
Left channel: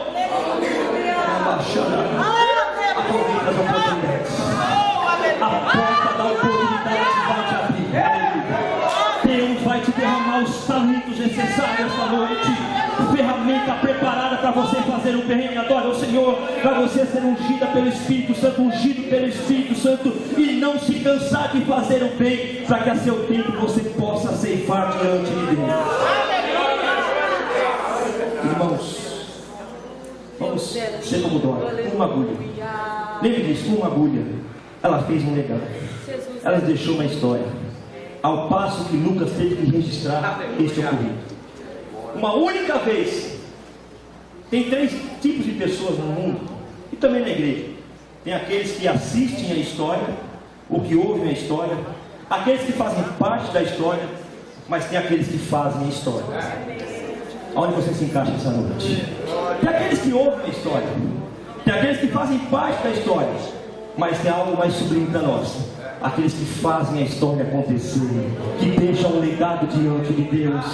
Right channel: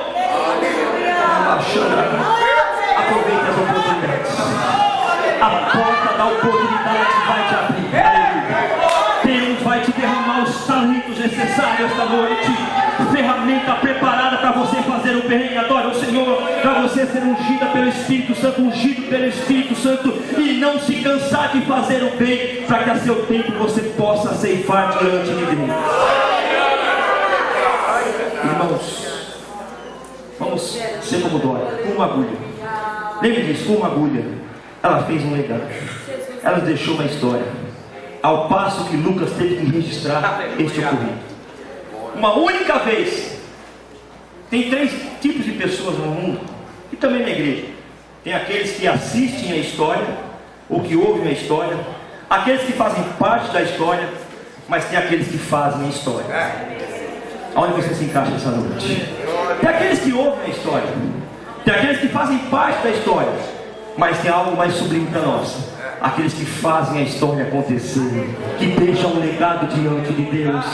ungida pelo Espírito Santo, ungido pelo Espírito Santo, e não se cansar de fazer o bem, para que a seu tempo você possa ceifar diante de Deus. Irmãos, vamos ser como Dora, com uma agulha. Lembre disso, com uma agulha ela fez um legado, ela deixou uma história, ao passo que Lucas teve que registrar este ocorrido uma única vez. Tem 3 tipos de pessoas no mundo, e também na igreja. Tem aqueles que assistem a história, ou que ouvem a história, aqueles que fazem parte da história, mas tem aqueles que fazem a história. Aonde você se encaixa essa noite? Tem aqueles que ouvem a história, tem aqueles que fazem parte da história, mas tem algo mais sublime para nós: aqueles que fazem a história acontecer, que deixam um legado diante de Deus,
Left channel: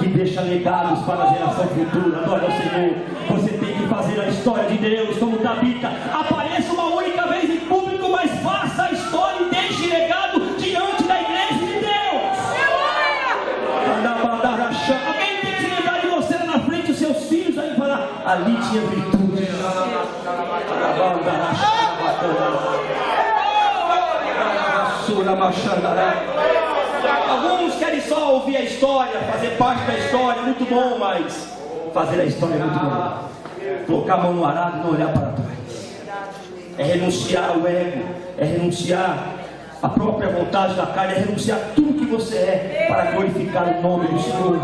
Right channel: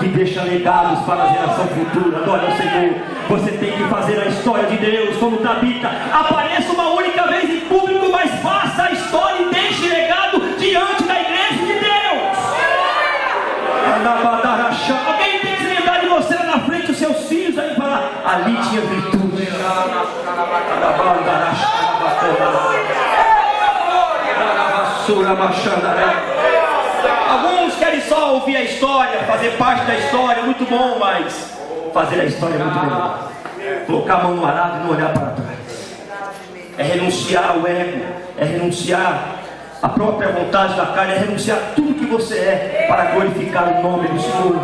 que deixam legados para a geração futura. Adore ao Senhor. Você tem que fazer a história de Deus, como Tabita. Apareça uma única vez em público, mas faça a história e deixe legado diante da igreja de Deus. Alguém tem que se lembrar de você lá na frente, os seus filhos aí falar: ali tinha virtude. Alguns querem só ouvir a história, fazer parte da história, é muito bom, mas fazer a história é muito melhor. Colocar a mão no arado e não olhar para trás. É renunciar ao ego, é renunciar à própria vontade da carne, é renunciar a tudo que você é para glorificar o nome do Senhor.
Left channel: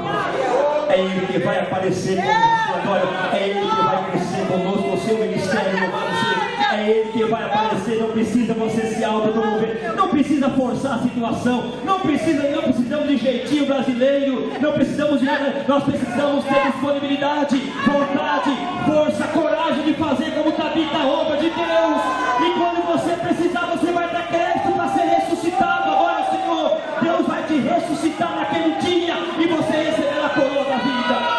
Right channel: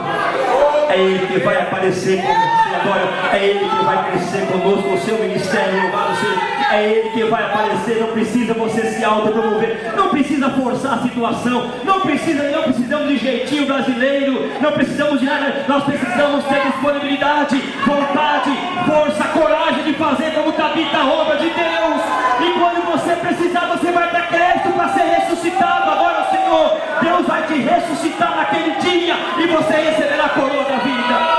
É Ele que vai aparecer com você agora, é Ele que vai crescer conosco, o seu ministério, louvado seja. É Ele que vai aparecer. Não precisa você se autopromover, não precisa forçar a situação, não precisamos de jeitinho brasileiro, não precisamos de nada. Nós precisamos ter disponibilidade, vontade, força, coragem de fazer como Tabita, a obra de Deus. E quando você precisar, você vai ter crédito para ser ressuscitado. Agora o Senhor, Deus vai te ressuscitar naquele dia, e você receberá a coroa da vida.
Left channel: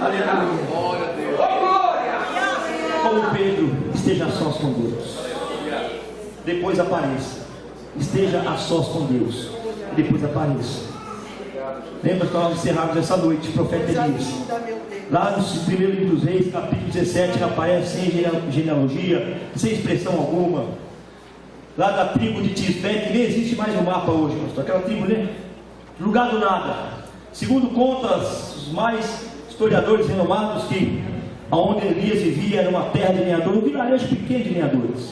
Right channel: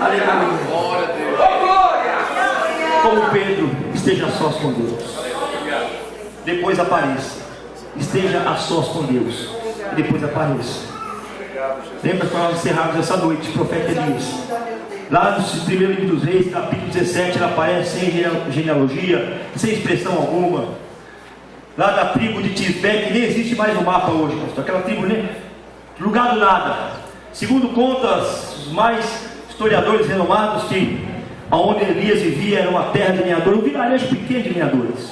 Aleluia. Como Pedro, esteja a sós com Deus. Depois apareça. Esteja a sós com Deus. E depois apareça. Lembra que nós encerramos essa noite, profeta Elias. Lá no 1º livro dos Reis, capítulo 17, ele aparece sem genealogia, sem expressão alguma. Lá da tribo de Tisbé, que nem existe mais no mapa hoje, pastor. Aquela tribo, nem lugar do nada. Segundo contas, os mais historiadores renomados, que aonde Elias vivia era uma terra de lenhadores, um vilarejo pequeno de lenhadores,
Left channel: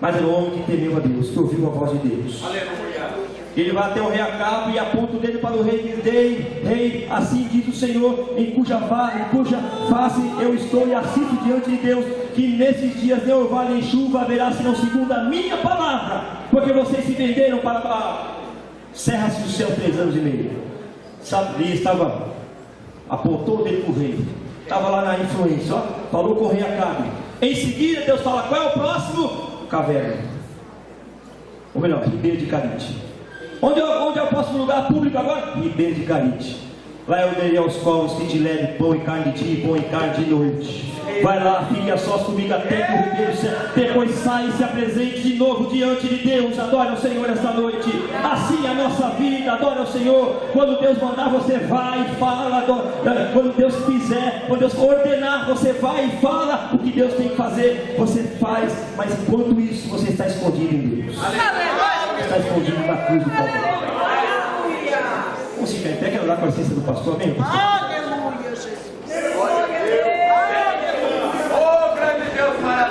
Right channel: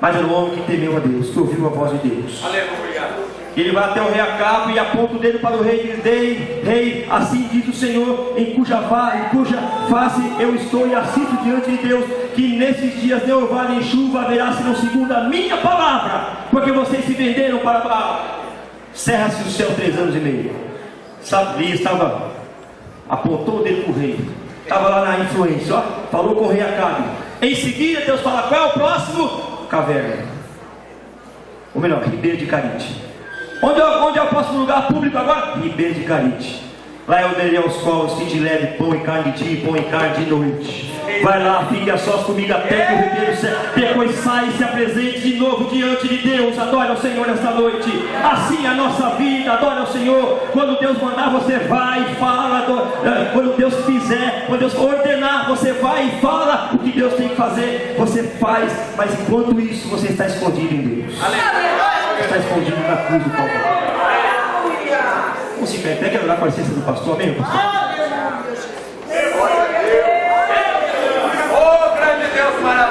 mas era um homem que temeu a Deus, que ouviu a voz de Deus. Ele vai até o rei Acabe e aponta o dedo para o rei e diz: rei, assim diz o Senhor, em cuja face eu estou, e assisto diante de Deus, que nesses dias nem orvalho nem chuva haverá, senão segundo a minha palavra, porque vocês se venderam para Baal. Cerra-se o céu 3 anos e meio. Sabe, Elias apontou o dedo para o rei, estava lá na influência, ó, falou com o rei Acabe. Em seguida Deus fala: qual é o próximo? Caverna, ou melhor, Ribeira de Carite. Onde é o próximo lugar público agora? Ribeira de Carite. Lá eu darei aos povos, fim de leve, pão e carne de dia e pão e carne de noite. Vai lá, fique a sós comigo até que o ribeiro depois sai e se apresente de novo diante de Deus. Adore ao Senhor esta noite. Assim é a nossa vida, adore ao Senhor. Quando Deus mandar, você vai e fala. Quando Deus fizer, quando Deus ordenar, você vai e fala o que Deus tem que fazer, você faz. Mas enquanto isso, você está escondido em Deus. Está escondido na cruz do Calvário. Vamos se pé, quero orar com a licença do pastor, amém, pastor?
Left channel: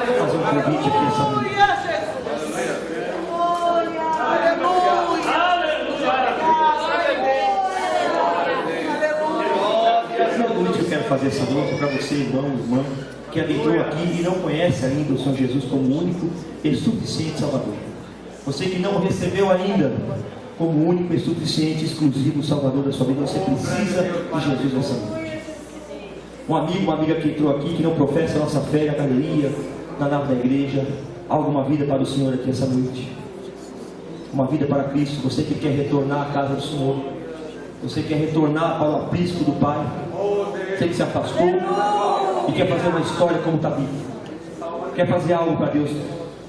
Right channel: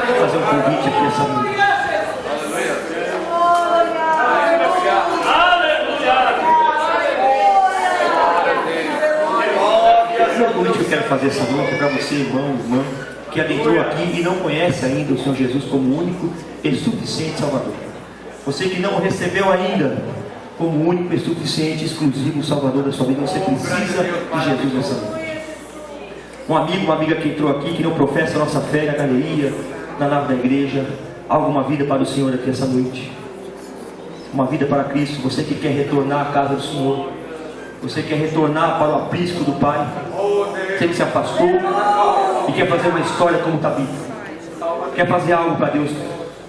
Vou fazer um convite aqui essa noite. O convite que eu quero fazer essa noite é para você, irmão, irmã, que adentrou aqui e não conhece ainda o Senhor Jesus como único e suficiente Salvador. Você que não o recebeu ainda como único e suficiente, exclusivo Salvador da sua vida, você precisa de Jesus nessa noite. Um amigo, uma amiga que entrou aqui, que não professa a nossa fé na galeria, na nave da igreja, alguma vida para o Senhor aqui essa noite, uma vida para Cristo. Você que quer retornar à casa do Senhor, você quer retornar para o aprisco do Pai, você que se afastou e quer fazer uma história como Tabita, quer fazer algo para Deus.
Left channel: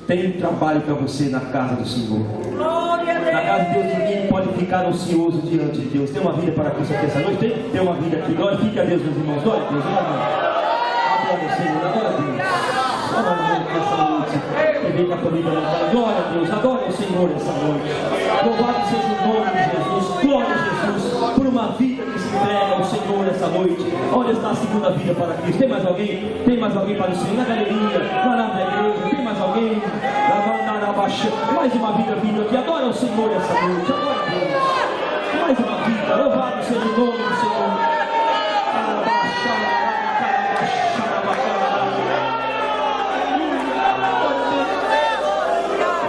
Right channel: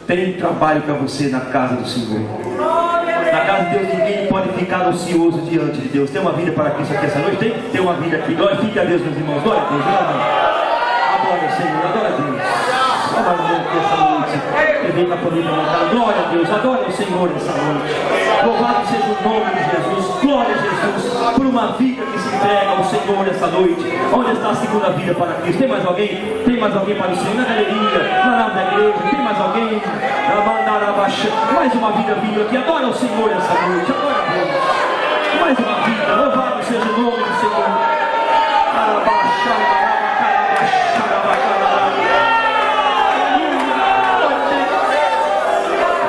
Tem trabalho para você na casa do Senhor. Na casa de Deus ninguém pode ficar ocioso diante de Deus. Tem uma vida para Cristo aqui essa noite? Tem uma vida aqui. Glorifique a Deus, meus irmãos. Glória a Deus. para poder levantar. Glória a Deus, adore o Senhor essa noite. Louvado seja o nome de Jesus. Glória a Jesus por uma vida que se entrega ao Senhor essa noite. Onde está a segunda vida para Cristo? Tem mais alguém? Tem mais alguém para o Senhor? Na galeria, na nave da igreja, tem mais alguém? Mais uma vida vindo aqui. Adora o Senhor essa noite. Adora a Deus. Mais uma vida. Louvado seja o nome do Senhor.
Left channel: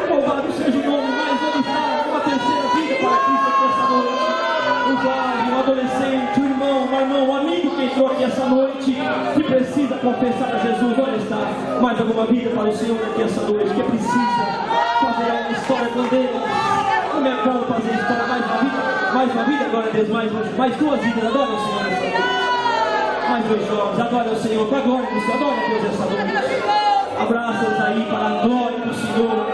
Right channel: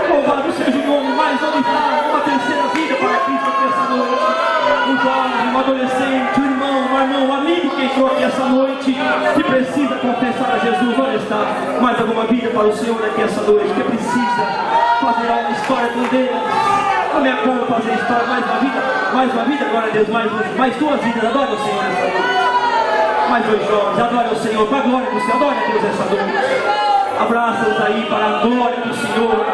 Louvado seja o nome. Mais uma terceira vida para Cristo aqui essa noite. Um jovem, um adolescente, um irmão, um amigo que entrou aqui essa noite, que precisa confessar a Jesus. Onde está? Mais alguma vida para o Senhor aqui essa noite, que precisa fazer uma história com Deus. Não é como fazer história, mais uma vida, glória a Deus, mais duas vidas. Adore o Senhor essa noite. Mais dois jovens, adore o Senhor, com a glória do Senhor, adore a Deus essa noite. Abraça-os aí para a glória do Senhor.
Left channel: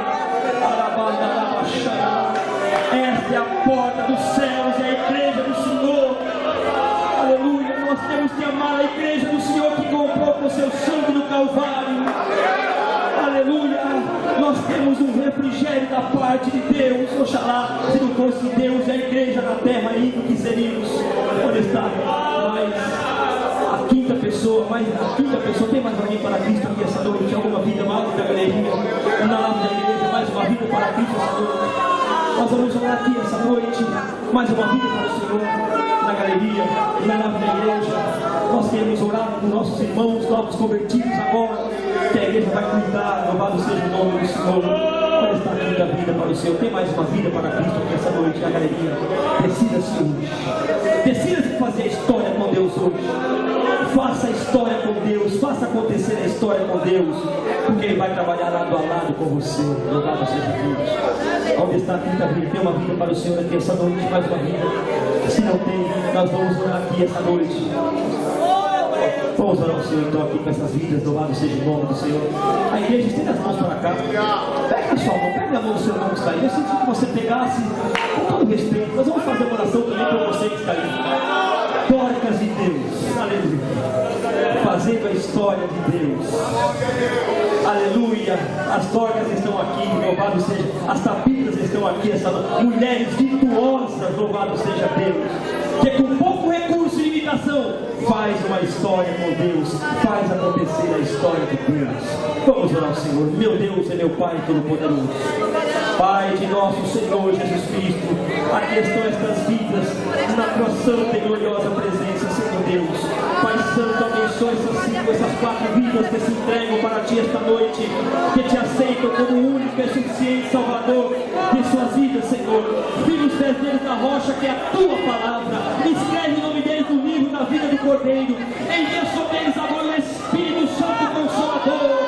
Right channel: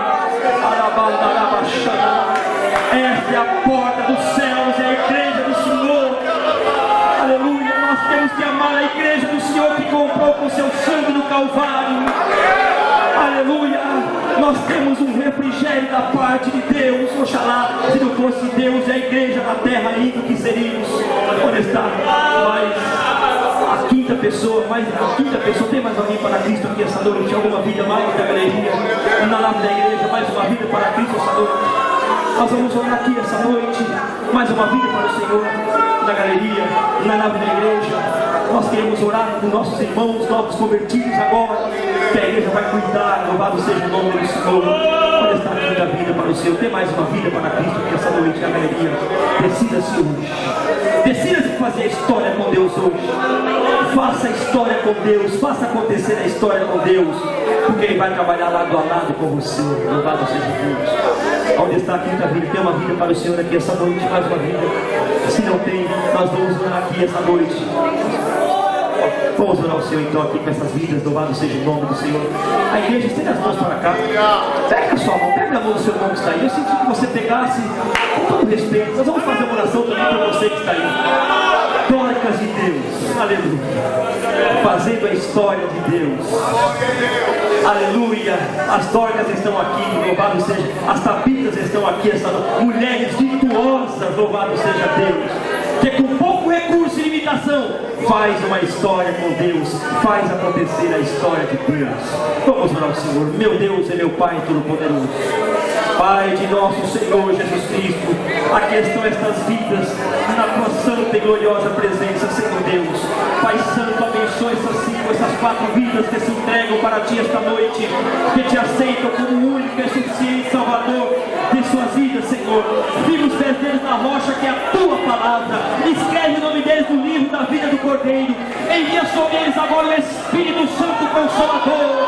Esta é a porta dos céus, é a igreja do Senhor. Aleluia, nós temos que amar a igreja do Senhor que comprou com seu sangue no Calvário. Aleluia, nós temos um refrigério da parte de Deus. Oxalá, se não fosse Deus e a igreja na terra ainda, que seríamos? Onde está? A quinta pessoa, tem mais alguém para Cristo aqui essa noite? Alguma vida mais da galeria, na lava da igreja, mais uma vida para Cristo essa noite? Nós vamos orar aqui essa noite, mais uma vida para o Senhor, na galeria, na nave da igreja. Nós queremos orar com nossos irmãos, novos convertidos agora, que a igreja vai cuidar. Louvado seja o nome do Senhor. Onde está a quinta vida para o Senhor? Tem mais uma vida para Cristo aqui essa noite, na galeria. Decida-se hoje, decida-se fazer a história com Deus hoje. Faça a história com Deus, faça acontecer a história com Deus, porque Ele vai trabalhar lado a lado com você. Louvado seja Deus. Onde está a quinta vida? Tem uma vida para o Senhor aqui essa noite, mais uma vida. Se não tem, nós vamos orar aqui essa noite. Vamos orar ao Senhor então aqui com essas vidas. Louvado seja o nome do Senhor. A igreja, estende as mãos para cá. Pega a sua mão, pega a mão do seu irmão que está aí. Eu senti que você pegasse com todo respeito. Nós vamos fazer uma oração também por você que está aí. Dorcas de Deus, aleluia, fazendo a história de Deus, aleluia. As Dorcas estão aqui, louvado seja, as Tabitas estão aqui, essas mulheres virtuosas, louvado seja Deus, que com pouco recurso e limitação faz uma história com Deus, faz acontecer a história de Deus. Vamos orar ao Senhor. Meu Deus e meu Pai Todo-Poderoso, Pai de nosso Senhor Jesus Cristo, aqui estão estas vidas na tua santa e gloriosa presença, Senhor Deus. Pai Santo, abençoa essas 4 vidas que se entregam para ti esta noite, que te aceitam como o único e suficiente Salvador de suas vidas, Senhor. Viva os pés deles na rocha, que é a tua palavra. Escreve o nome deles no livro da vida do Cordeiro. Envia sobre eles agora o Espírito Santo Consolador.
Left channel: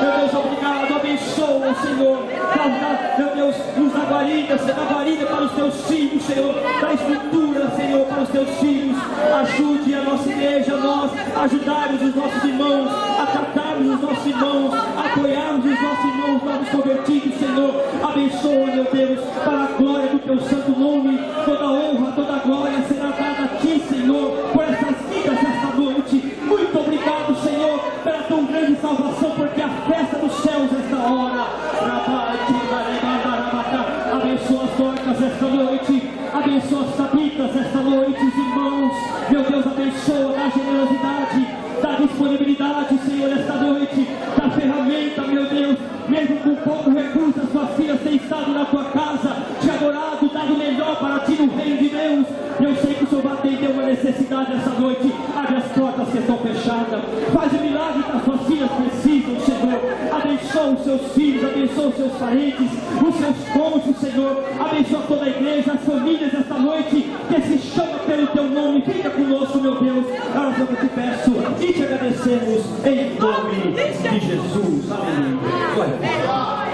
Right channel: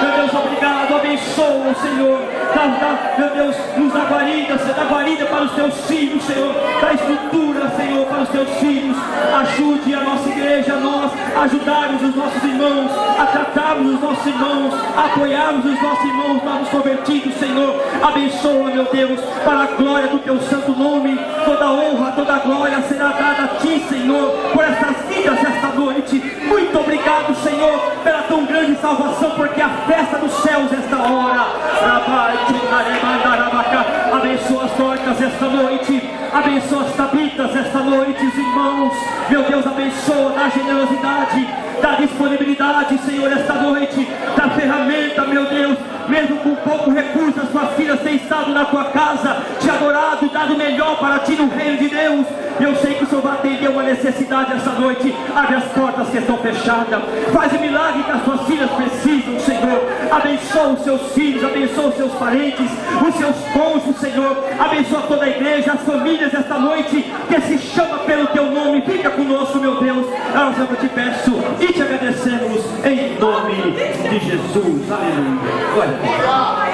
Meu Deus, obrigado, abençoa, Senhor. Meu Deus, nos dá guarida para os teus filhos, Senhor. Dá estrutura, Senhor, para os teus filhos. Ajude a nossa igreja, a nós, ajudarmos os nossos irmãos, a tratarmos os nossos irmãos, a apoiarmos os nossos irmãos novos convertidos, Senhor. Abençoa, meu Deus, para a glória do teu santo nome. Toda honra, toda glória será dada a ti, Senhor, por essas vidas esta noite. Muito obrigado, Senhor, pela tão grande salvação, porque a festa dos céus esta hora. Abençoa as Dorcas esta noite, abençoa as Tabitas esta noite, os irmãos. Meu Deus, abençoa, dá generosidade, dá disponibilidade, Senhor, esta noite, dá ferramenta, meu Deus. Mesmo com pouco recurso, as suas filhas têm estado na tua casa, te adorado, dado o melhor para ti no reino de Deus. Eu sei que o Senhor vai atender uma necessidade esta noite. Abre as portas que estão fechadas, faz o milagre que as suas filhas precisam, Senhor. Abençoa os seus filhos, abençoa os seus parentes, os seus cônjuges, Senhor. Abençoa toda a igreja, as famílias esta noite, que se chama pelo teu nome. Fica conosco, meu Deus. Nós eu te peço e te agradecemos em nome de Jesus. Aleluia. Glória a Deus.